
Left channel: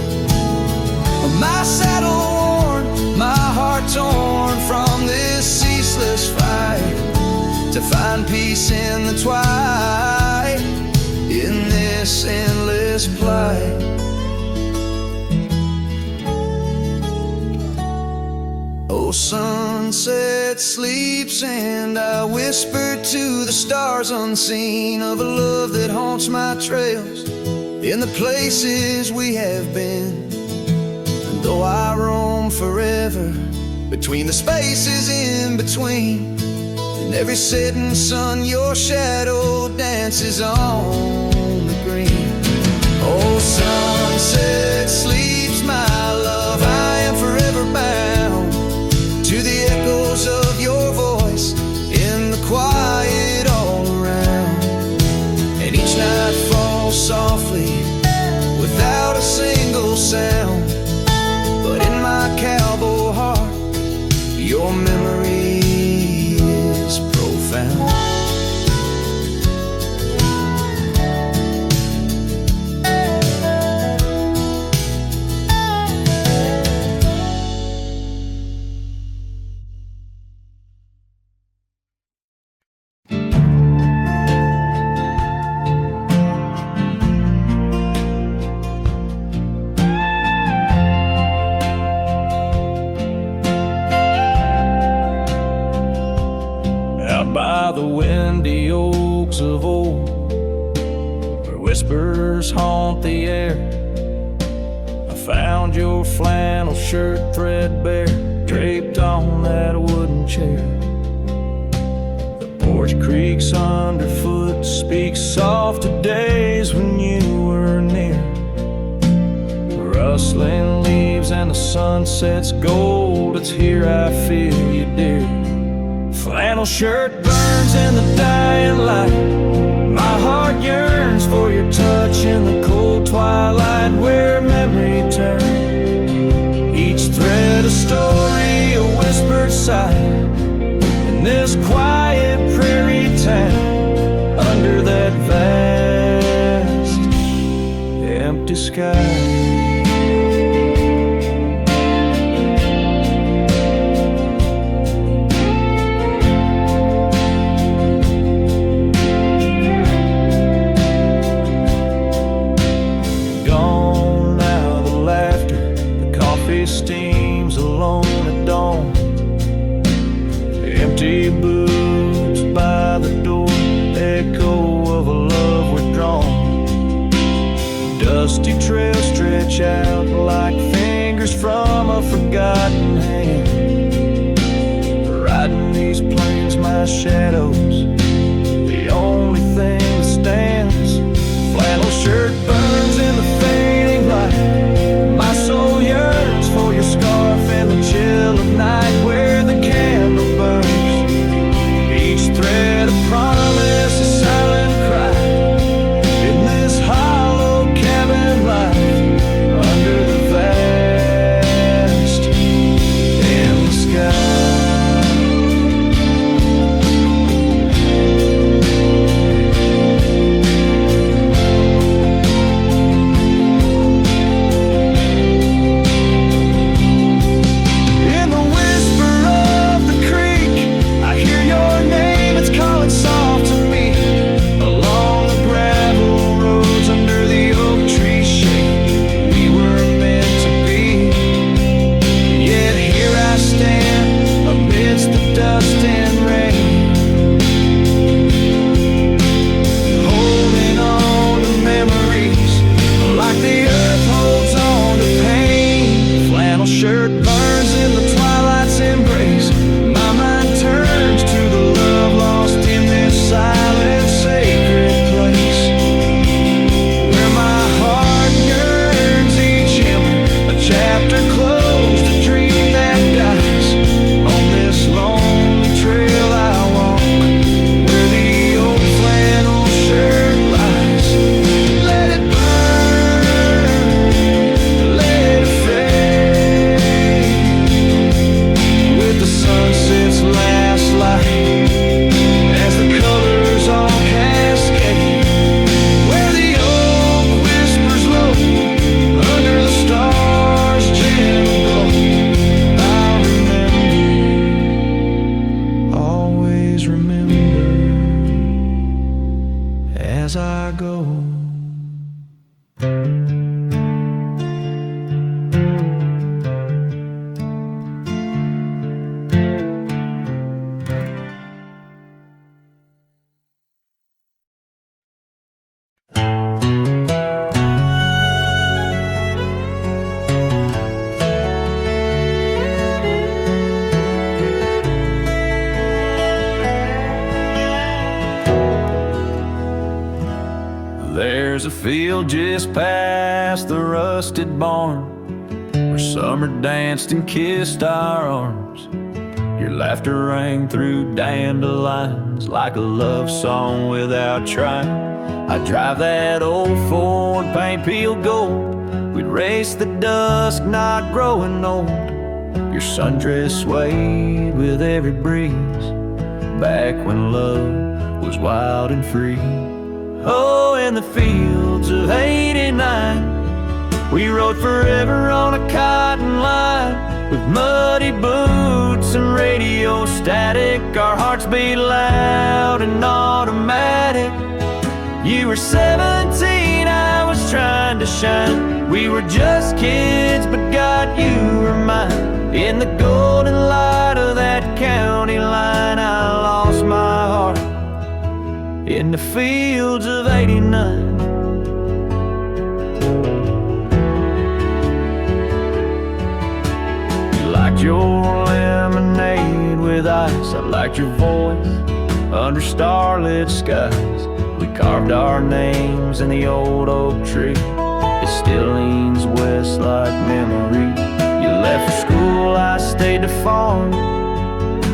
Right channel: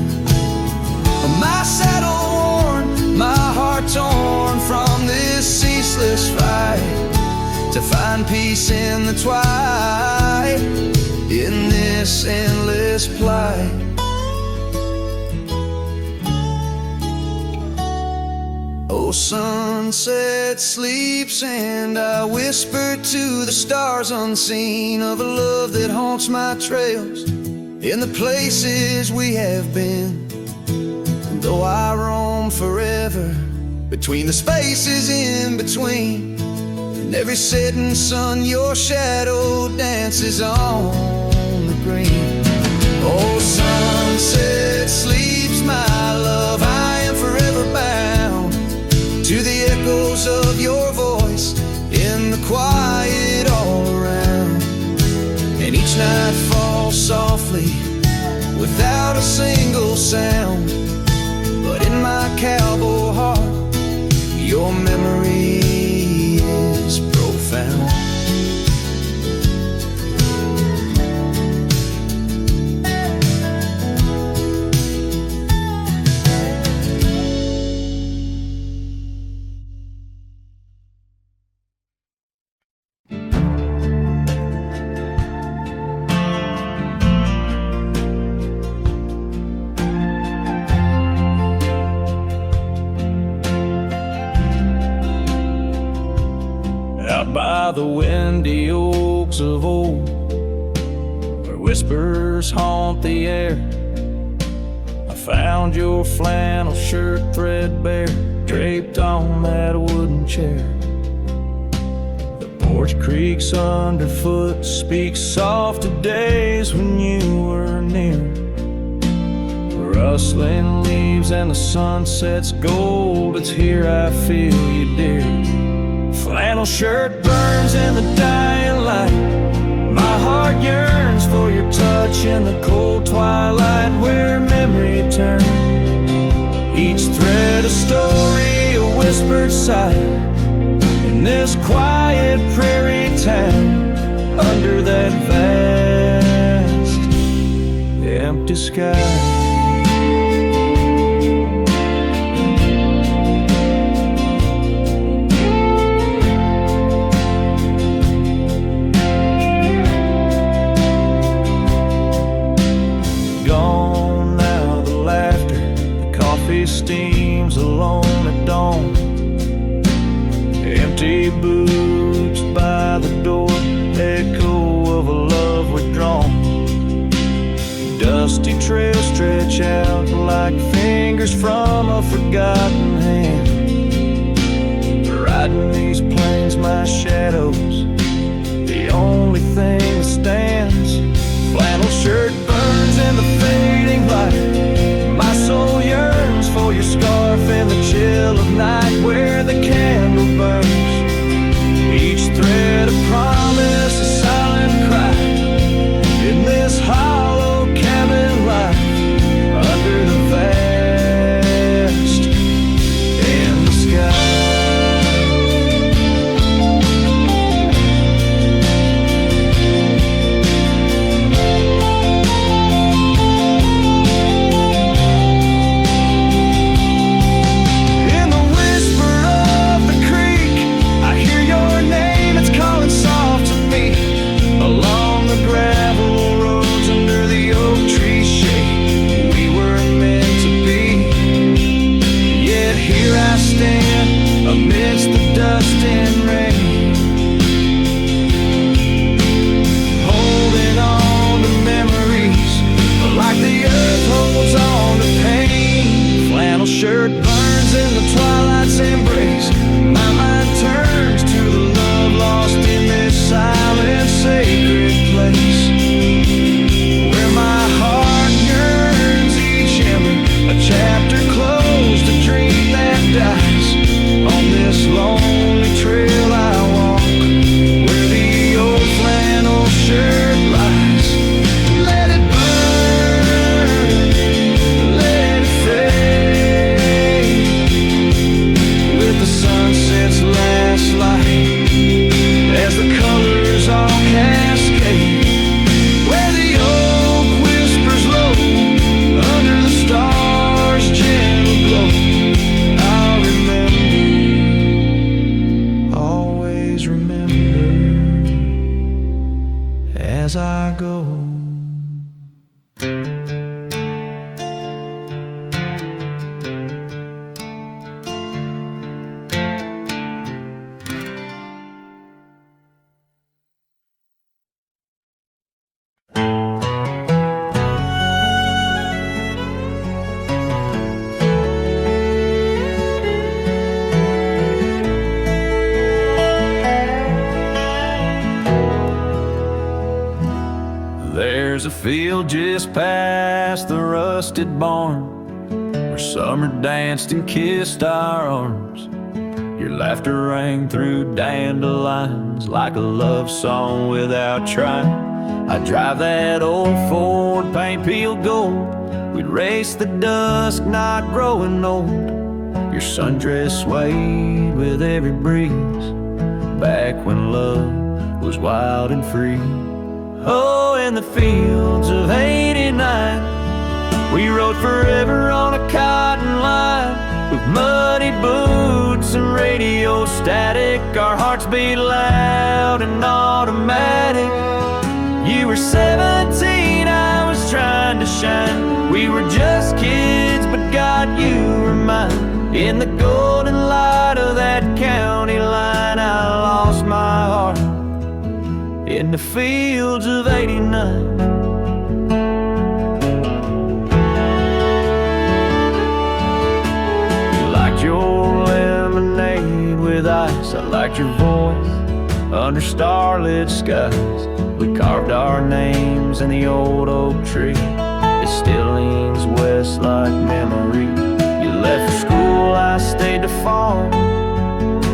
My saddle worn, my heart torn from this ceaseless fight, to find peace in the twilight, in this endless plight. Oh, sunset sleeps and I whisper to the stars unseen of a love that haunts my trails in the places we have been. And though I roam forever between the spaces in between, in every setting sun your shadow dances on the green. Oh, sunset sleeps, my love, I am forever bound to the echoes of your voice in the quiet all around. And each night falls softly without a single sound, but in my cowboy heart your memory is profound. Out by the windy oaks of old, where whispers haunt the air, I found your flannel shirt threadbare, draped on that wooden chair. The porch creaks underfoot, speaks soft of days when you were near. The rustling leaves and the sunset's gold, it's here I feel you, dear. Flannel shirt burns in the dying light, my heart yearns for your touch in the cold twilight where memory turns. Each thread a story, a whispered sigh, in this quiet prairie town, under that vast empty sky. gone now, the laughter, the coffee steams alone at dawn. Empty boots by the door, echo of a love withdrawn. Dusty trails stretch out like fingers from a forgotten hand. Riding these plains, my shadow's the only thing that stands. Flannel shirt burns in the fading light. My soul yearns for your scarf in the chill of night where the candle burns. Each thread a promise, a silent cry. In this hollow cabin life, under the vast endless sky. Soft to me along the gravel roads under the oak tree shade. We were meant to be. Yet here I stand amidst the dust and rain, holding on to memories like the earth holds on to pain. Flannel shirt burns in the twilight's embrace. My mind turns to the love lost in this silent, sacred place, where my heart yearns each ember, a chapter closed, a dream that dies. On this lonely trail I walk, where the old flannel shirt lies. Let it burn, let it fade, with the sunset's last light, as the colors all cascade, where the oak whispers low under the stars' gentle glow. I'll remember, always remember, as I go. There's a field just past the rusted barn, where summer danced and kissed our arms. Your laughter rang through dandelions like a love song without trying. I'd drive that old Ford, paint peeled gold. We'd race the dusk, not growing old. Your sundress swayed with every breeze, back when love was wild and free. Oh, in the fields of '89, we rode forever on a cotton line, with muddy boots and radio static. Our hearts beat loud and automatic. You were 17, I was trying to shine. We were just kids, but God, you were mine. In the golden light of that county line, I lost my heart in the fields of '89. You liked your lemonade with ice, I liked your voice under starlit skies. We carved our names in the old oak tree, it still leans west like memory. You left for school, I stayed to farm,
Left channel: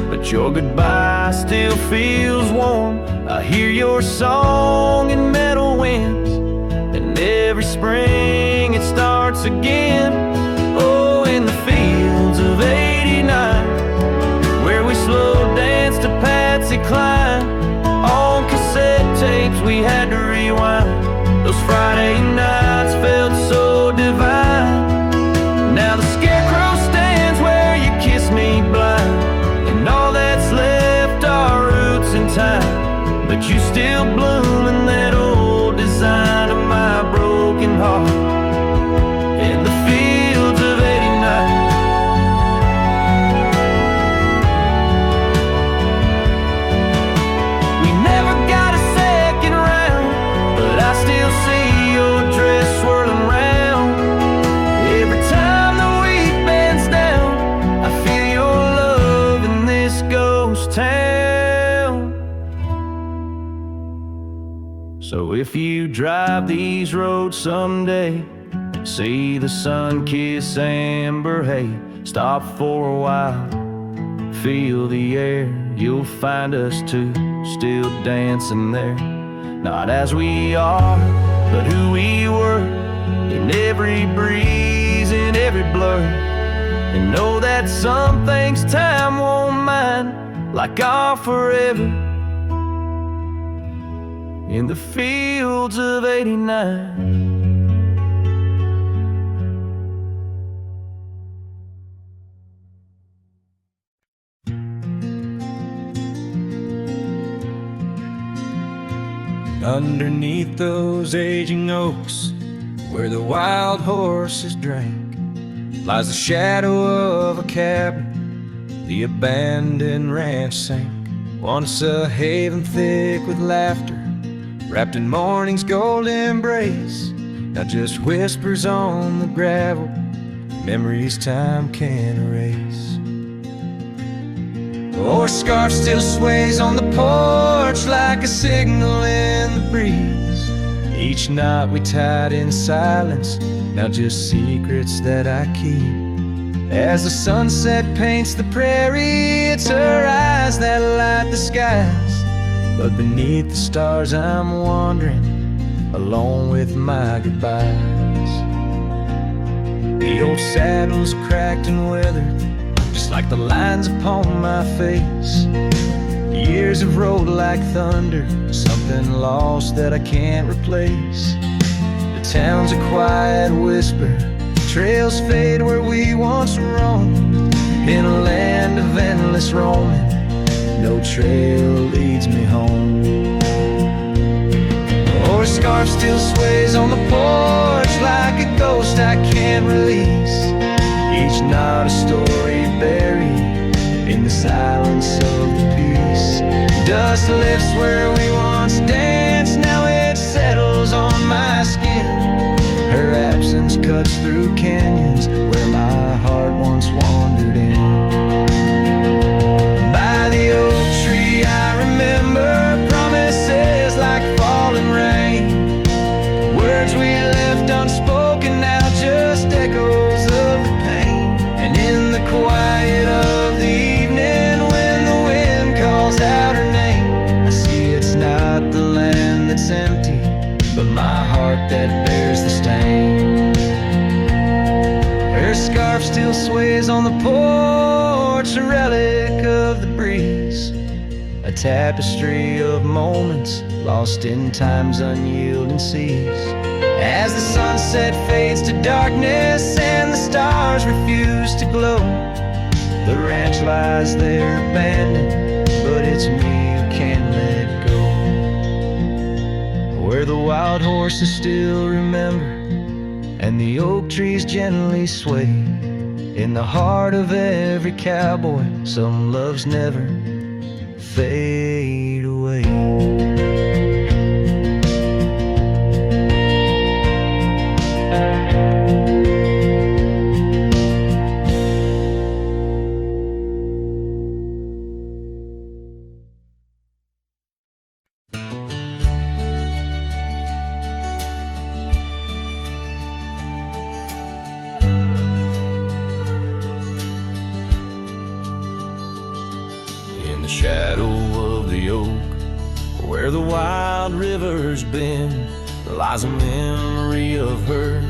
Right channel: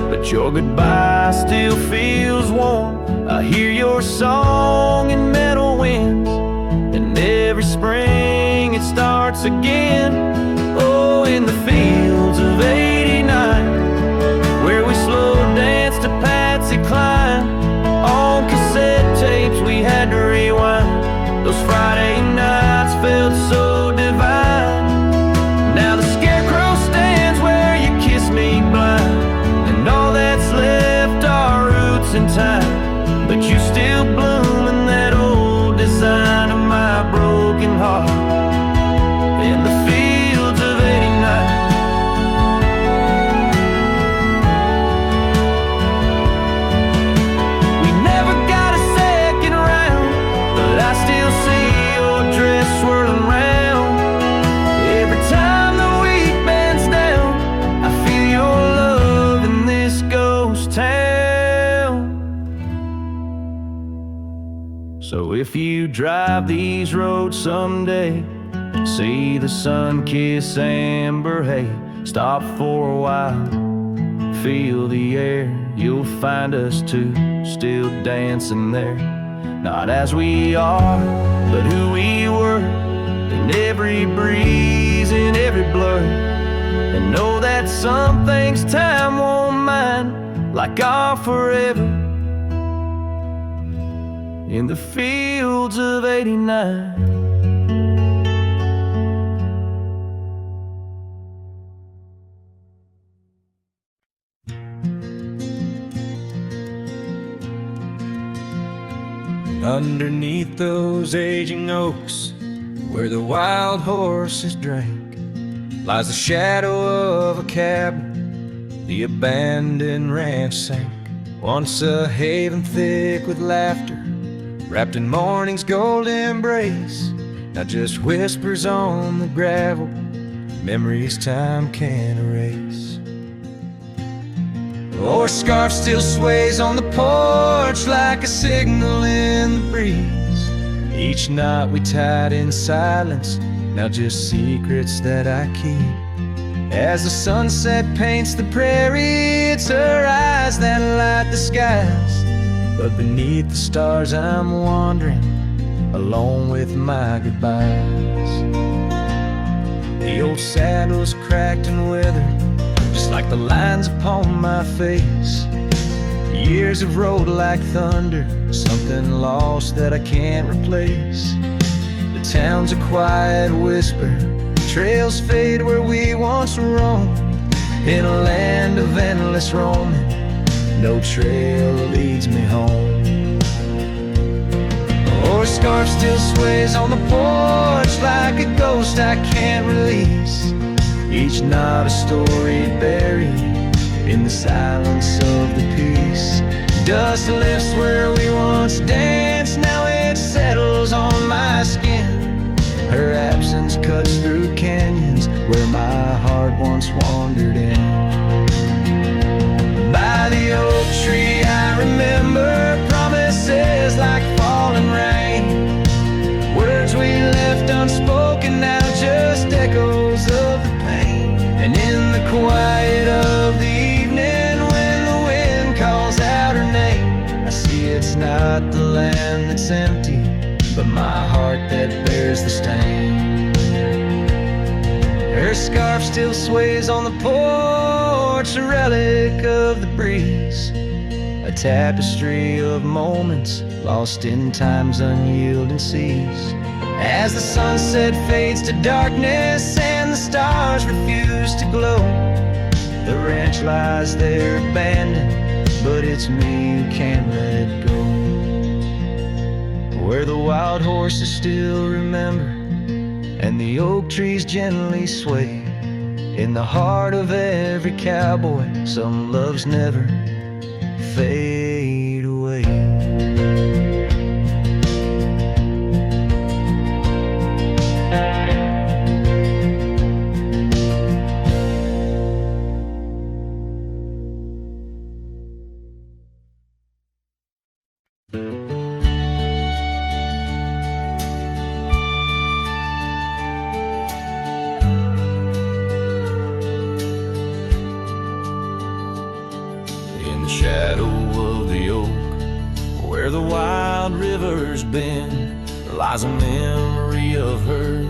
but your goodbye still feels warm. I hear your song in meadow winds, and every spring it starts again. Oh, in the fields of '89, where we slow danced to Patsy Cline. On cassette tapes we had to rewind. Those Friday nights felt so divine. Now the scarecrow stands where you kissed me blind, and all that's left are roots in time. But you still bloom in that old design of my broken heart. in the fields of '89. We never got a second round, but I still see your dress swirling round. Every time the wheat bends down, I feel your love in this ghost town. So if you drive these roads someday, see the sun-kissed amber hay, stop for a while, feel the air. You'll find us two still dancing there, not as we are, but who we were, in every breeze, in every blur. And know that some things time won't mind, like our forever in the fields of '89. Underneath those aging oaks, where the wild horses drank, lies the shadow of a cabin the abandoned ranch sank. Once a haven thick with laughter, wrapped in morning's gold embrace, now just whispers on the gravel, memories time can't erase. Our scarf still sways on the porch like a signal in the breeze. Each knot we tied in silence, now just secrets that I keep. As the sunset paints the prairie, it's her eyes that light the skies. But beneath the stars I'm wandering, alone with my goodbyes. The old saddle's cracked and weathered, just like the lines upon my face. Years have rolled like thunder, something lost that I can't replace. The town's a quiet whisper, trails fade where we once roamed. In a land of endless roaming, no trail leads me home. Or a scarf still sways on the porch like a ghost I can't release. Each knot a story buried in the silence of the peace. Dust lifts where we once danced, now it settles on my skin. Her absence cuts through canyons where my heart once wandered in. By the oak tree I remember promises like falling rain. Words we left unspoken, now just echoes of the pain. And in the quiet of the evening, when the wind calls out her name, I see it's not the land that's empty, but my heart that bears the stain. Her scarf still sways on the porch, a relic of the breeze, a tapestry of moments lost in time's unyielding seas. As the sunset fades to darkness and the stars refuse to glow, the ranch lies there abandoned, but it's me who can't let go. Where the wild horses still remember and the oak trees gently sway, in the heart of every cowboy some loves never fade away. In the shadow of the oak, where the wild river's been, lies a memory of her,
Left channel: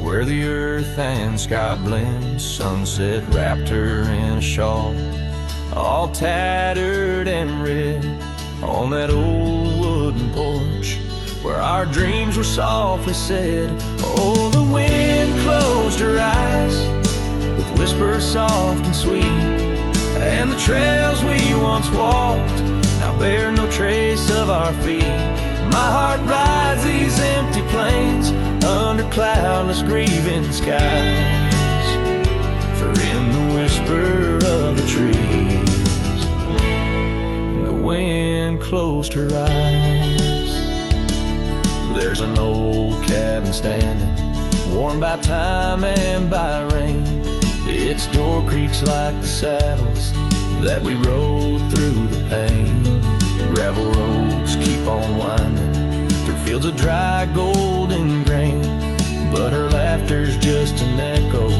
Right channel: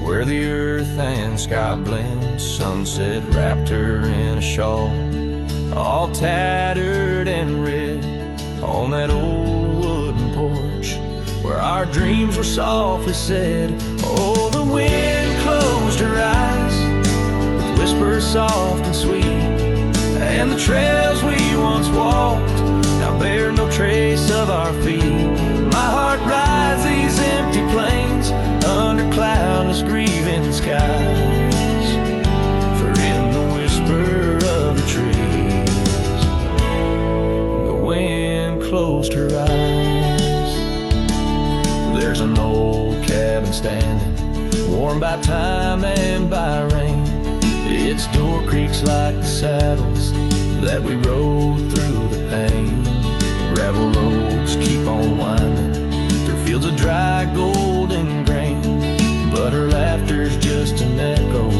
where the earth and sky blend. Sunset wrapped her in a shawl, all tattered and red, on that old wooden porch where our dreams were softly said. Oh, the wind closed her eyes with whispers soft and sweet, and the trails we once walked now bear no trace of our feet. My heart rides these empty plains under cloudless grieving skies. For in the whisper of the trees, the wind closed her eyes. There's an old cabin standing, warmed by time and by rain. Its door creaks like the saddles that we rode through the pain. Gravel roads keep on winding through fields of dry golden grain, but her laughter's just an echo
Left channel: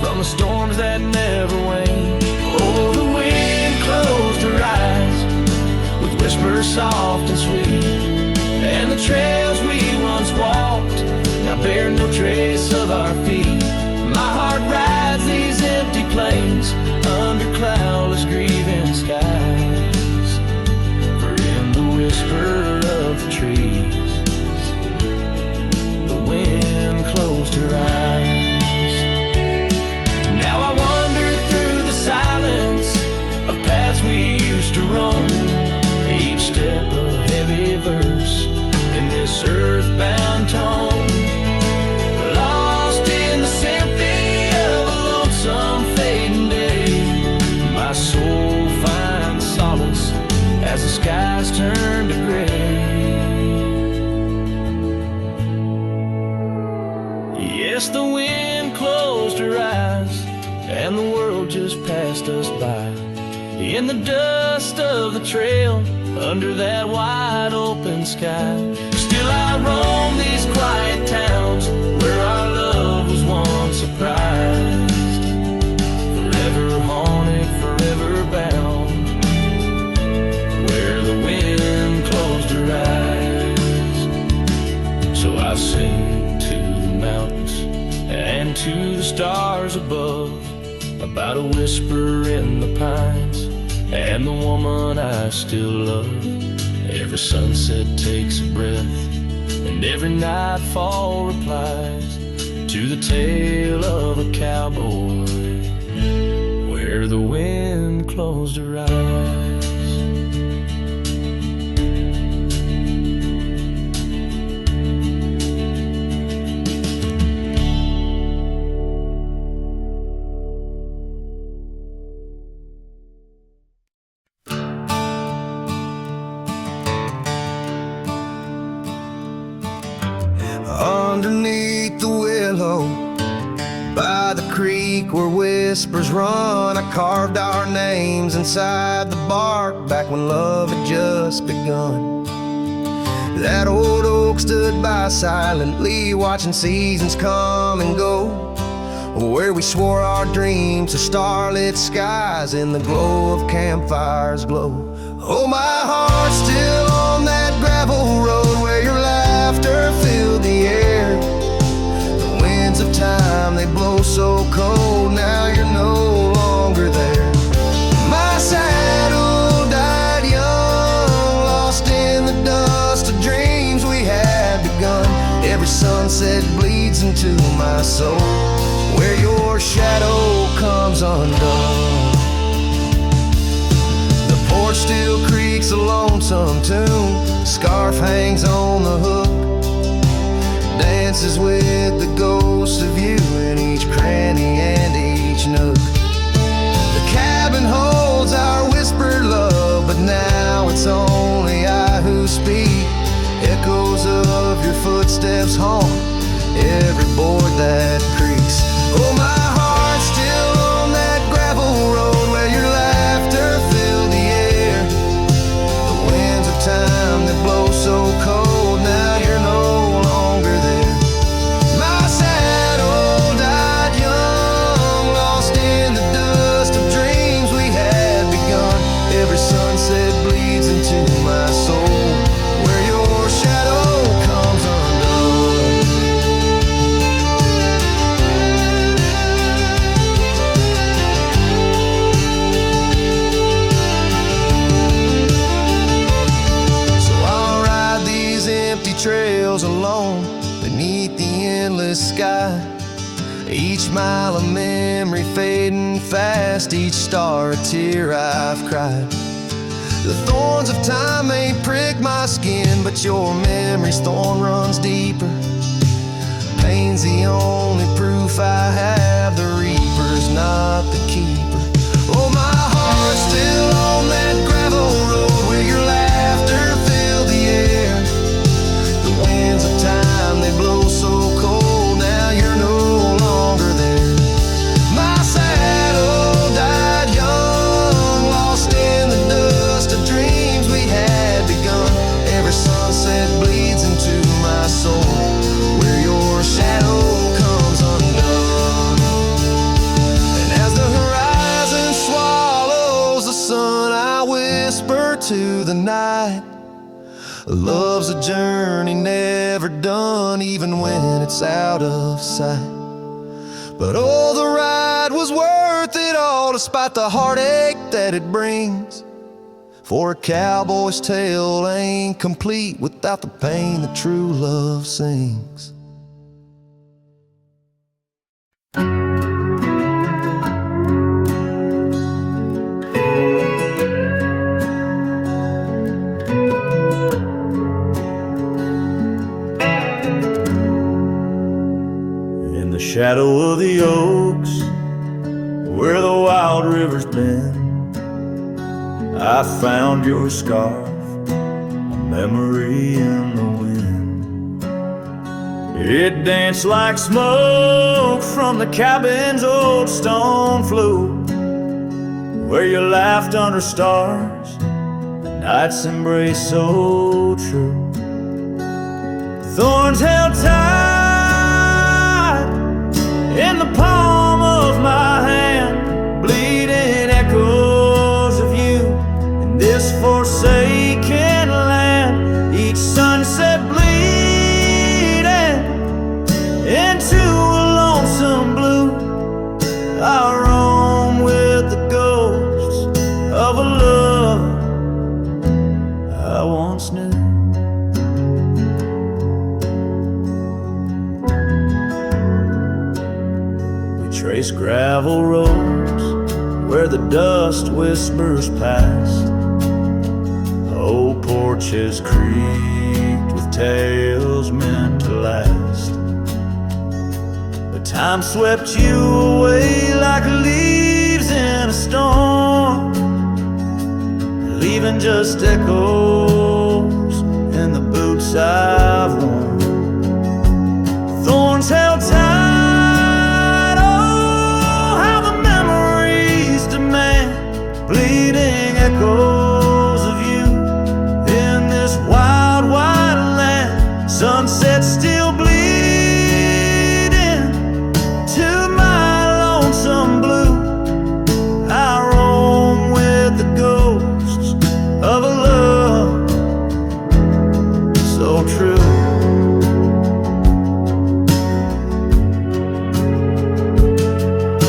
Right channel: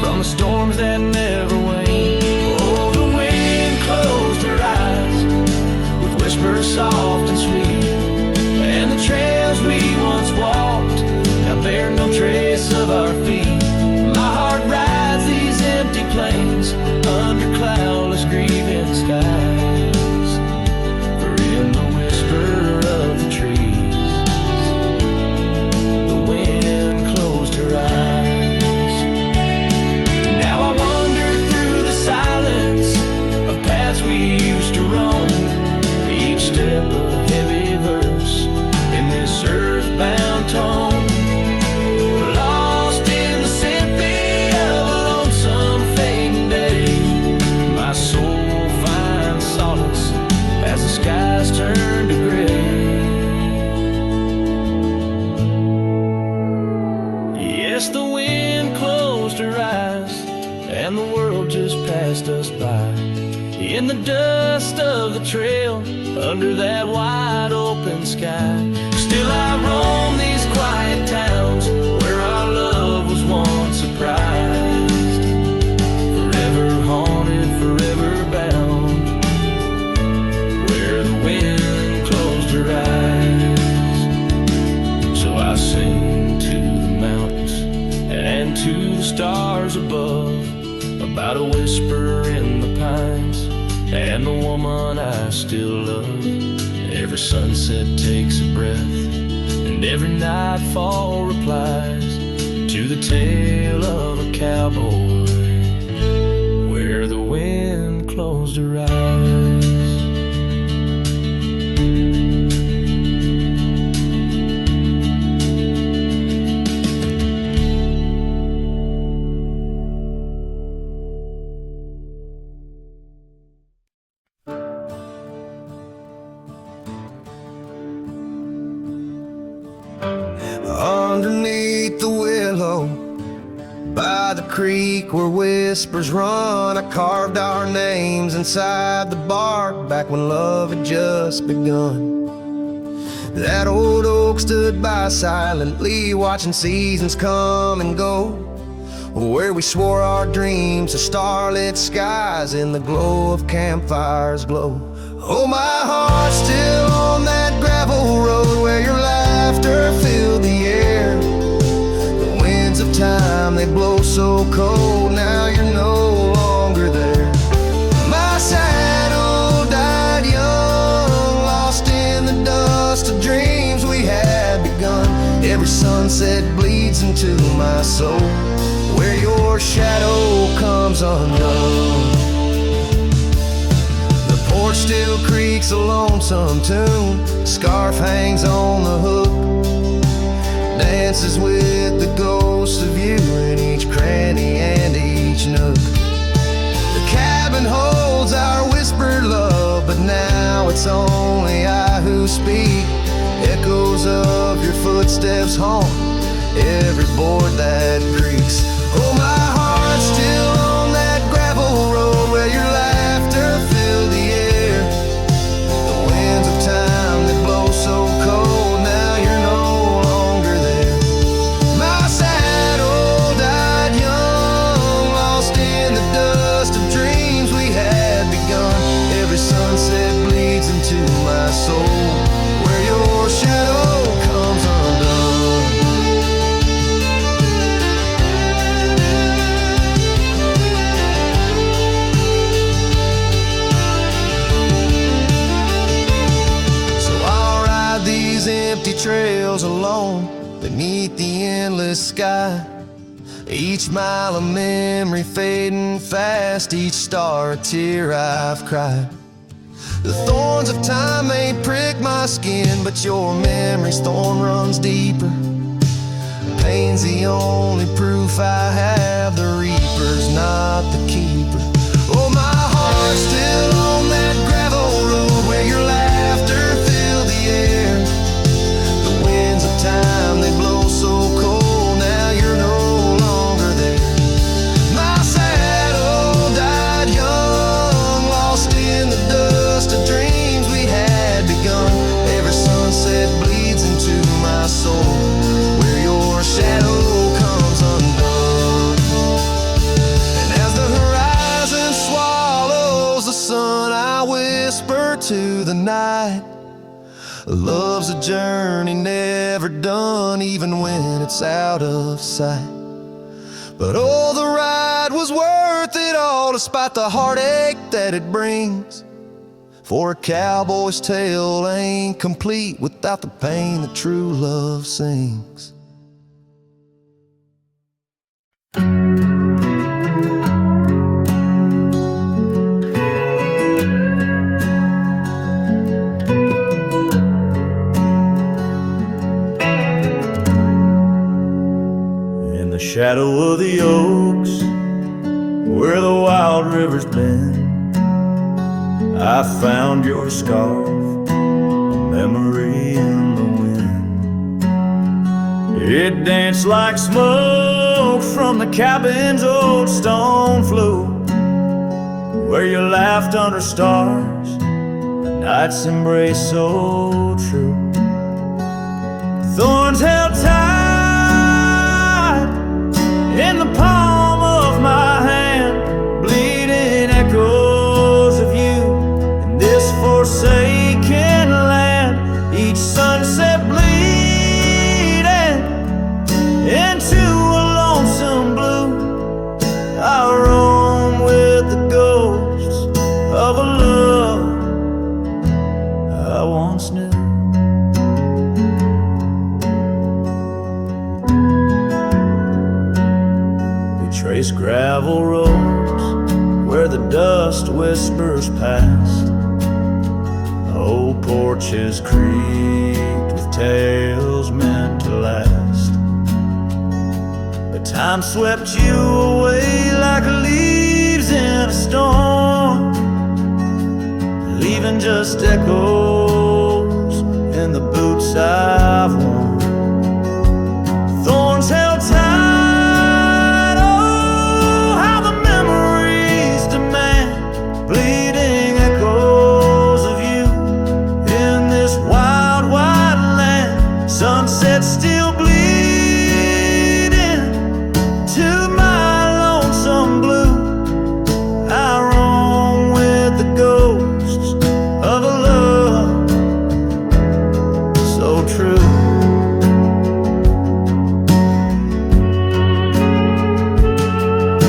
from the storms that never wane. Oh, the wind closed her eyes with whispers soft and sweet, and the trails we once walked now bear no trace of our feet. My heart rides these empty plains under cloudless grieving skies. For in the whisper of the trees, the wind closed her eyes. Now I wander through the silence of paths we used to roam, each step a heavy verse in this earthbound tone, lost in the symphony of a lonesome fading day. My soul finds solace as the skies turn to gray. Yes, the wind closed her eyes, and the world just passed us by. In the dust of the trail, under that wide open sky, still I roam these quiet towns where our love was once a prize. Forever haunted, forever bound, where the wind closed her eyes. So I sing to the mountains and to the stars above about a whisper in the pines and the woman I still love. Every sunset takes a breath, and every nightfall replies to the tale of a cowboy where the wind closed her eyes. Underneath the willow, by the creek where whispers run, I carved our names inside the bark back when love had just begun. That old oak stood by silently, watching seasons come and go, where we swore our dreams to starlit skies in the glow of campfires glow. Oh, my heart's still on that gravel road where your laughter filled the air. The winds of time, they blow so cold, now you're no longer there. My saddle died young, lost in the dust of dreams we had begun. Every sunset bleeds into my soul, where your shadow comes undone. The porch still creaks a lonesome tune, scarf hangs on the hook, dances with the ghosts of you in each cranny and each nook. The cabin holds our whispered love, but now it's only I who speak. Echoes of your footsteps haunt every board that creaks. Oh, my heart's still on that gravel road where your laughter filled the air. The winds of time that blow so cold, now you're no longer there. My saddle died young, lost in the dust of dreams we had begun. Every sunset bleeds into my soul, where your shadow comes undone. Empty trails alone beneath the endless sky, each mile a memory fading fast, each star a tear I've cried. The thorns of time may prick my skin, but your memory's thorn runs deeper. pain's the only proof I have. The reaper's not the keeper. Oh, my heart's still on that gravel road where your laughter filled the air. The winds of time, they blow so cold, now you're no longer there. My saddle died young, lost in the dust of dreams we had begun. Every sunset bleeds into my soul where your shadow comes undone. And as the horizon swallows the sun, I whisper to the night, love's a journey never done, even when it's out of sight. But oh, the ride was worth it all, despite the heartache that it brings. For a cowboy's tale ain't complete without the pain that true love sings. In the shadow of the oaks, where the wild river's been, I found your scarf, a memory in the wind. It danced like smoke from the cabin's old stone floor, where you laughed under stars, a night's embrace so true. Thorns held tight in the palm of my hand, bleeding echoes of you in this forsaken land. Each sunset bleeding into a lonesome blue. I roam with the ghosts of a love I once knew. Trace gravel roads where the dust whispers past. Old porches creaked with tales meant to last. But time swept you away like leaves in a storm, leaving just echoes in the boots I've worn. Thorns held tight, bleeding echoes of you in this wild, wide land. Sunset still bleeding to my lonesome blue. I roam with the ghosts of a love so true.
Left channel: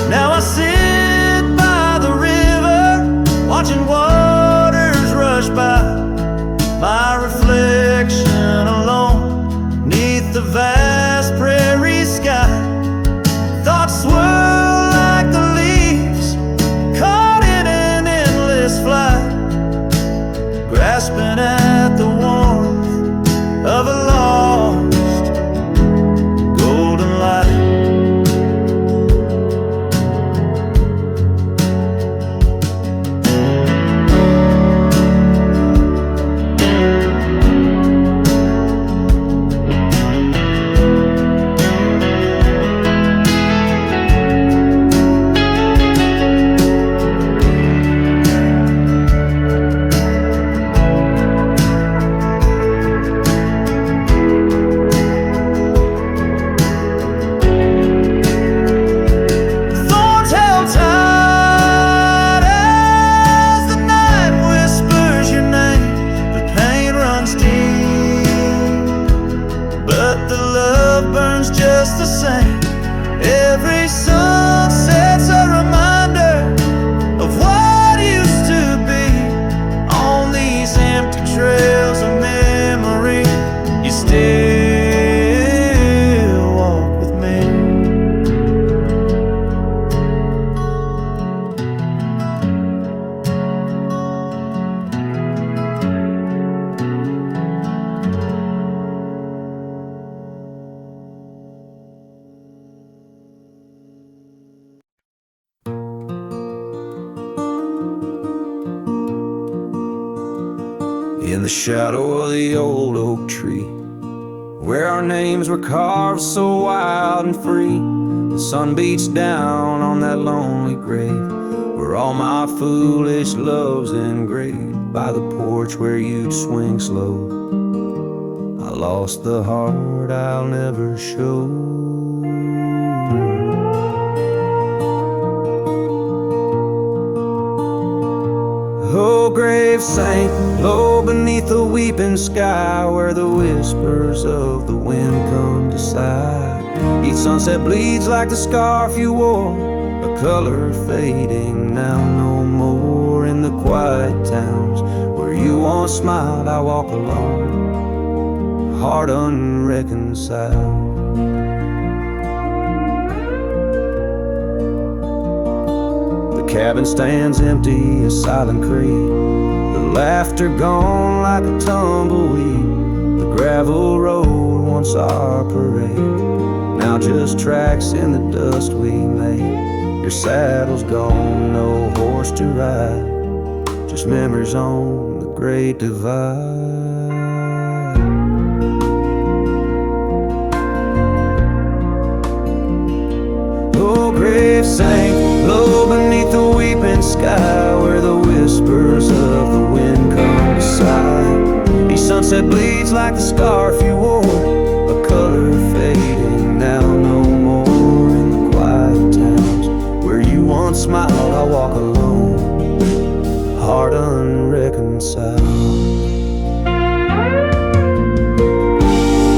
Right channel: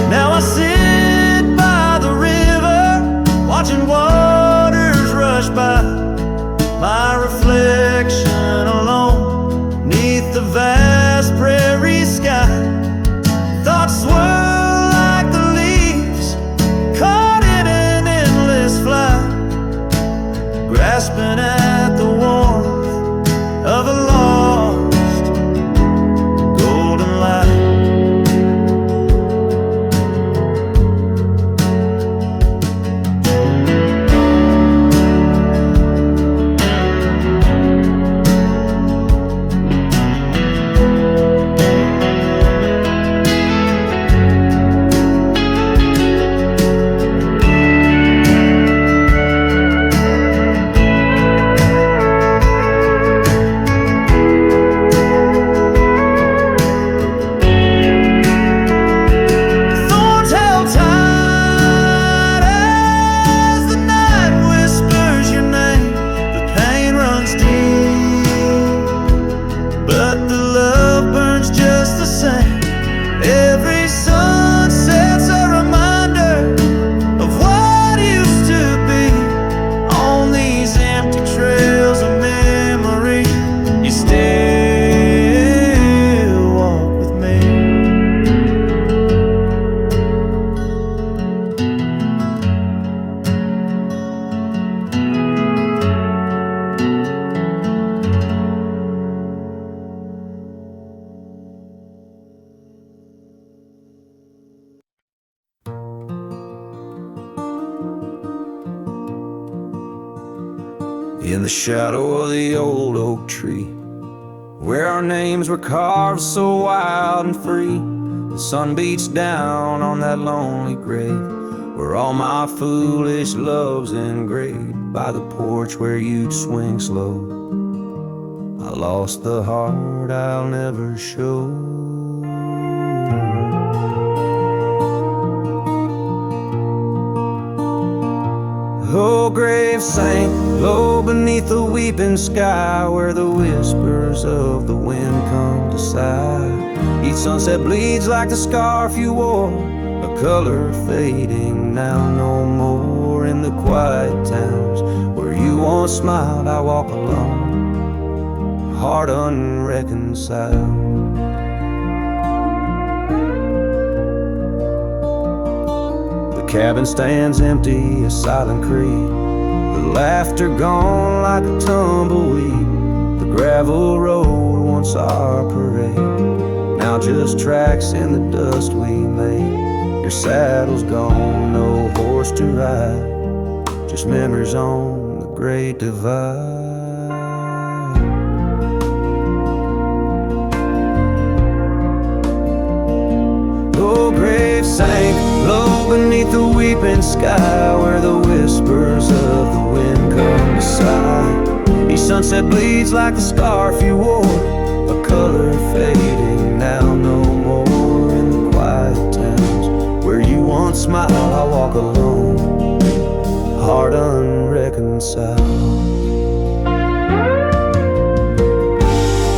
Now I sit by the river, watching waters rush by, my reflection alone neath the vast prairie sky. Thoughts swirl like the leaves caught in an endless flight, grasping at the warmth of a lost golden light. Just the same, every sunset's a reminder of what used to be. On these empty trails of memory, you still walk with me. in the shadow of the old oak tree, where our names were carved so wild and free. The sun beats down on that lonely grave, where all my foolish love's engraved. By the porch where you'd swing slow, I lost the heart I'll never show. Oh, grave sank low beneath the weeping sky, where the whispers of the wind come to sigh. Each sunset bleeds like the scarf you wore, a color fading now no more. In the quiet towns where you once smiled, I walk alone, heart unreconciled. The cabin stands empty, a silent creed, the laughter gone like a tumbleweed. The gravel road, once our parade, now just tracks in the dust we made. Your saddle's gone, no horse to ride, just memories on the great divide. Oh, grave sank low beneath the weeping sky, where the whispers of the wind come to sigh. Each sunset bleeds like the scarf you wore, a color fading now no more. In the quiet towns where you once smiled, I walk alone, heart unreconciled.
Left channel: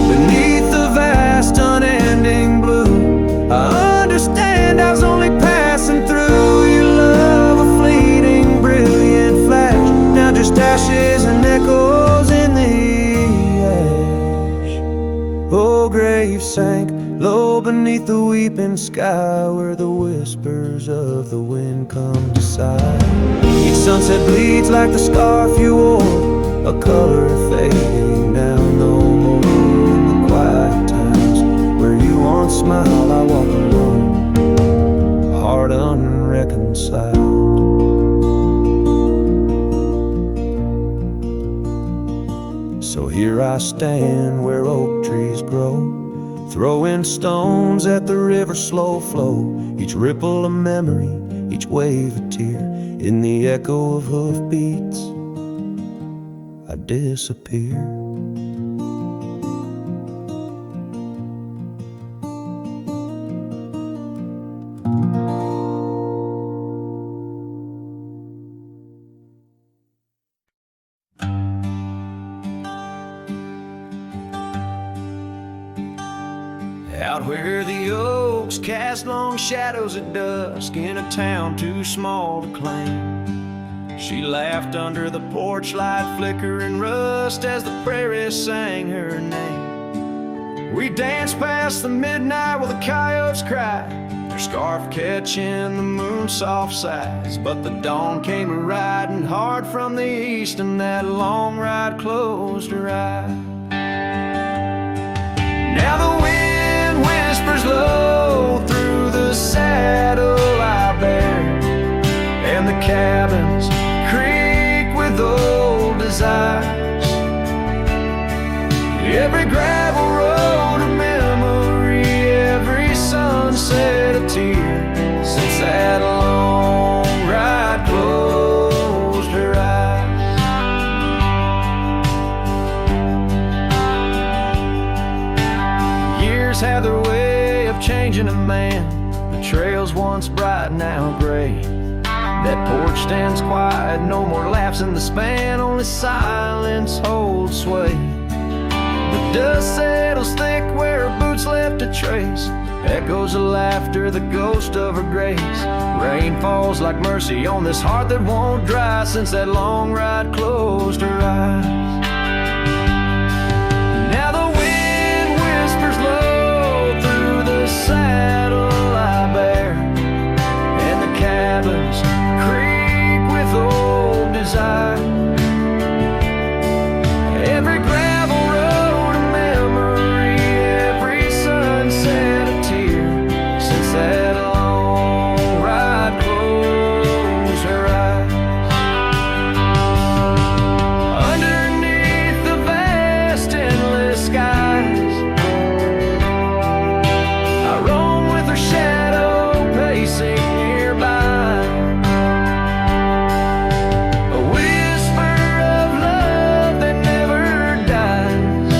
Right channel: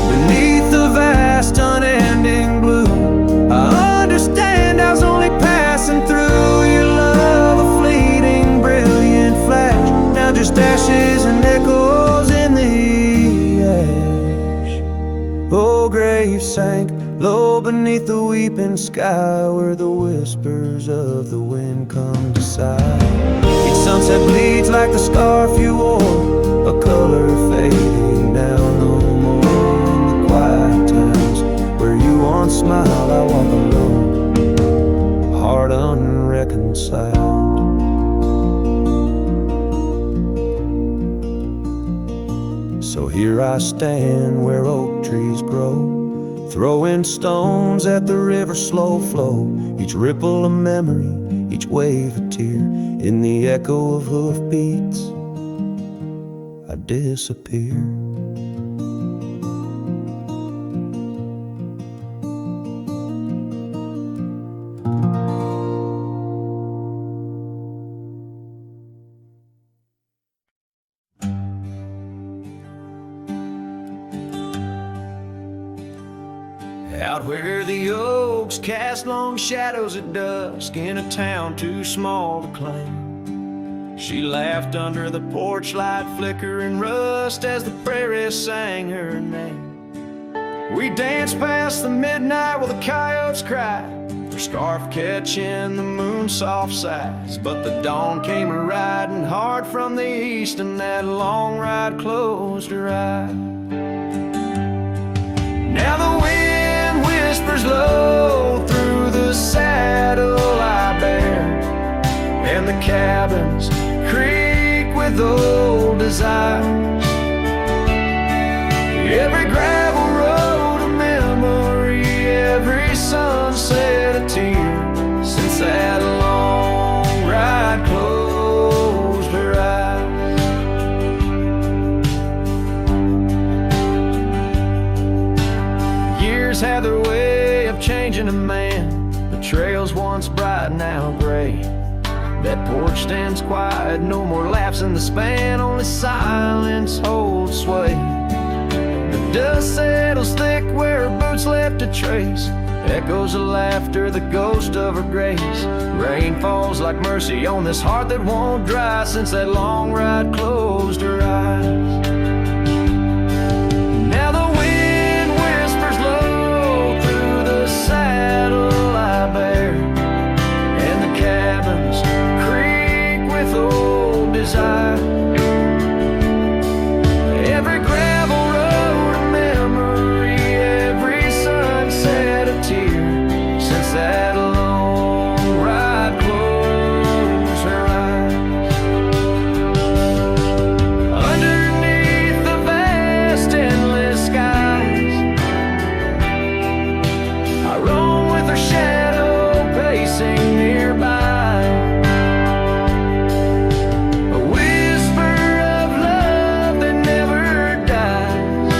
Beneath the vast unending blue, I understand I was only passing through. Your love, a fleeting brilliant flash, now just ashes and echoes in the ash. Oh, grave sank low beneath the weeping sky, where the whispers of the wind come to sigh. Each sunset bleeds like the scarf you wore, a color fading now no more. In the quiet towns where you once smiled, I walk alone, heart unreconciled. So here I stand where oak trees grow, throwing stones at the river's slow flow. Each ripple a memory, each wave a tear. In the echo of hoofbeats, I disappear. Out where the oaks cast long shadows at dusk, in a town too small to claim, she laughed under the porch light flickering rust as the prairie sang her name. We danced past the midnight while the coyotes cried, their scarf catching the moon's soft sighs. But the dawn came a-riding hard from the east, and that long ride closed her eyes. Now the wind whispers low through the saddle I bear, and the cabins creak with old desires. Every gravel road a memory, every sunset a tear, since that long ride closed her eyes. Years have their way of changing a man. The trails once bright, now gray. That porch stands quiet, no more laughs in the span, only silence holds sway. The dust settles thick where her boots left a trace, echoes of laughter, the ghost of her grace. Rain falls like mercy on this heart that won't dry, since that long ride closed her eyes. Now the wind whispers low through the saddle I bear, and the cabins creak with old desire. Every gravel road a memory, every sunset a tear, since that long ride closed her eyes. Underneath shadow pacing nearby. A whisper of love that never dies,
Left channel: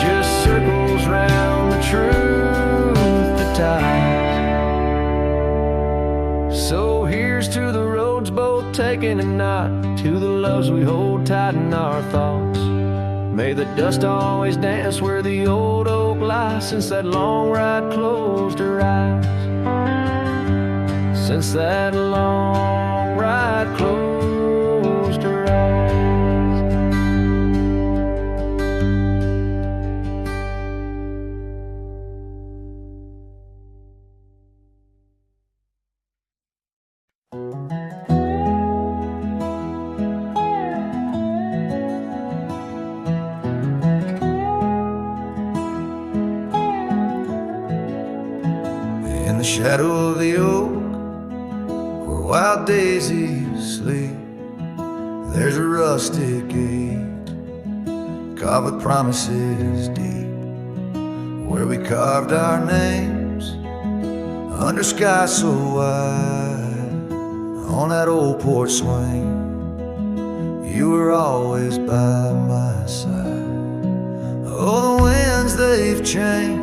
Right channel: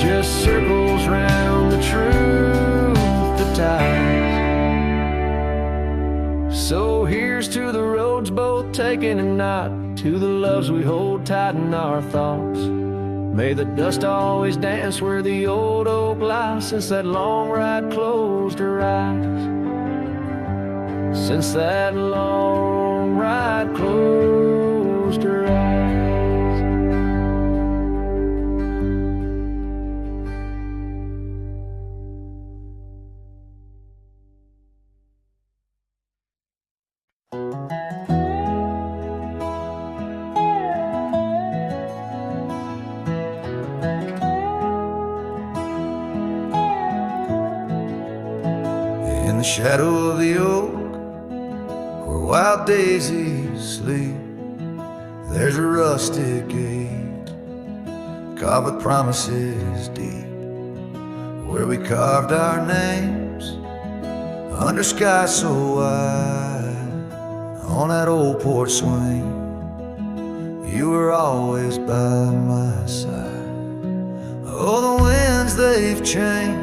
just circles round the truth that ties. So here's to the roads both taken and not, to the loves we hold tight in our thoughts. May the dust always dance where the old oak lies, since that long ride closed her eyes. Since that long ride closed her eyes. In the shadow of the oak, where wild daisies sleep, there's a rustic gate, carved with promises deep, where we carved our names under sky so wide. On that old porch swing, you were always by my side. Oh, the winds, they've changed,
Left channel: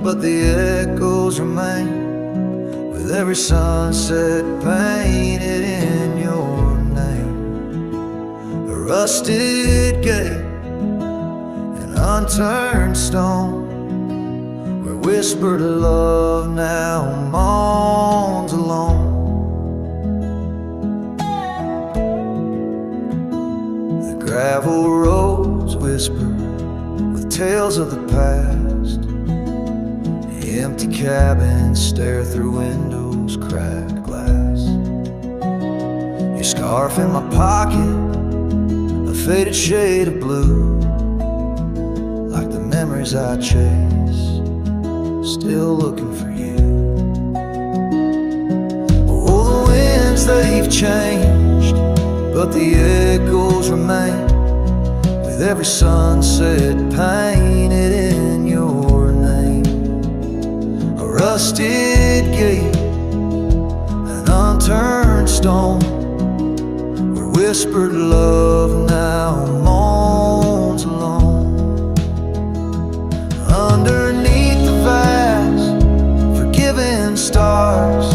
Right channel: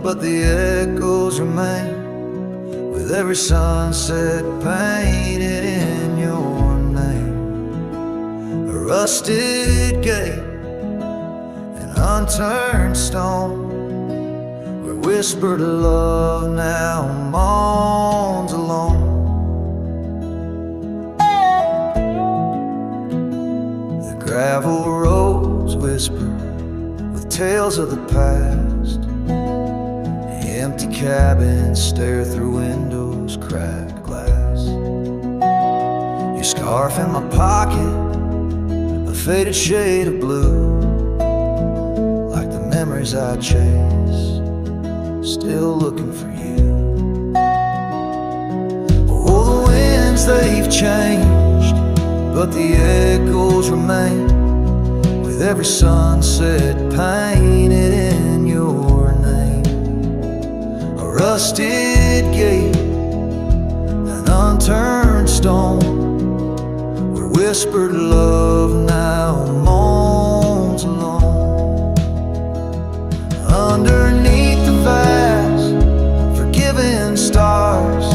but the echoes remain, with every sunset painted in your name. A rusted gate, an unturned stone, where whispered love now moans alone. The gravel roads whisper with tales of the past. Empty cabins stare through windows, cracked glass. Your scarf in my pocket, a faded shade of blue, like the memories I chase, still looking for you. Oh, the winds, they've changed, but the echoes remain, with every sunset painted in your name. A rusted gate, an unturned stone, where whispered love now moans alone. Underneath the vast, forgiving stars,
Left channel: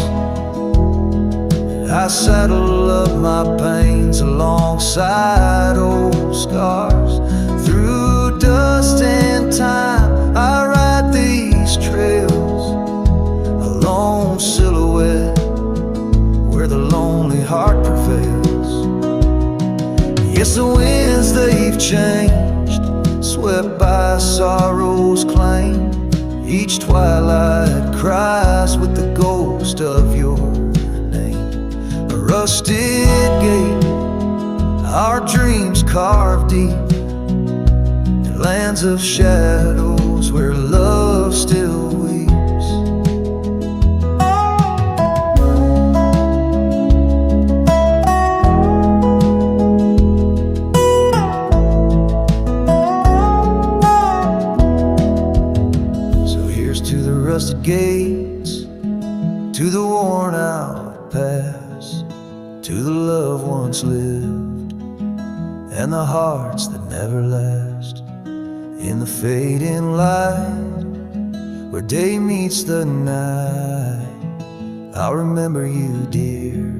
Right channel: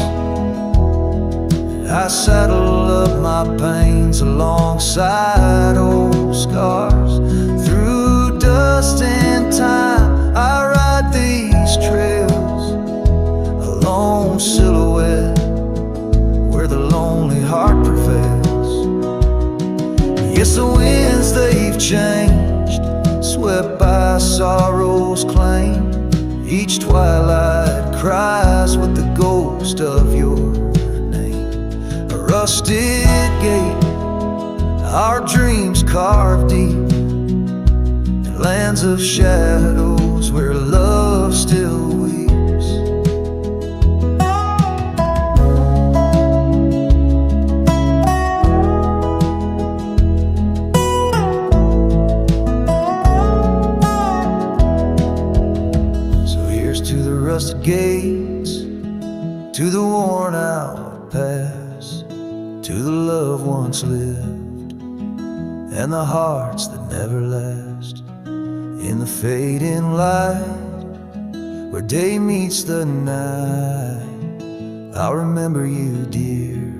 I saddle up my pains alongside old scars. Through dust and time, I ride these trails, a lone silhouette where the lonely heart prevails. Yes, the winds, they've changed, swept by sorrow's claim. Each twilight cries with the ghost of your name. A rusted gate, our dreams carved deep in lands of shadows where love still weeps. So here's to the rusted gates, to the worn out past, to the love once lived, and the hearts that never last. In the fading light, where day meets the night, I'll remember you, dear,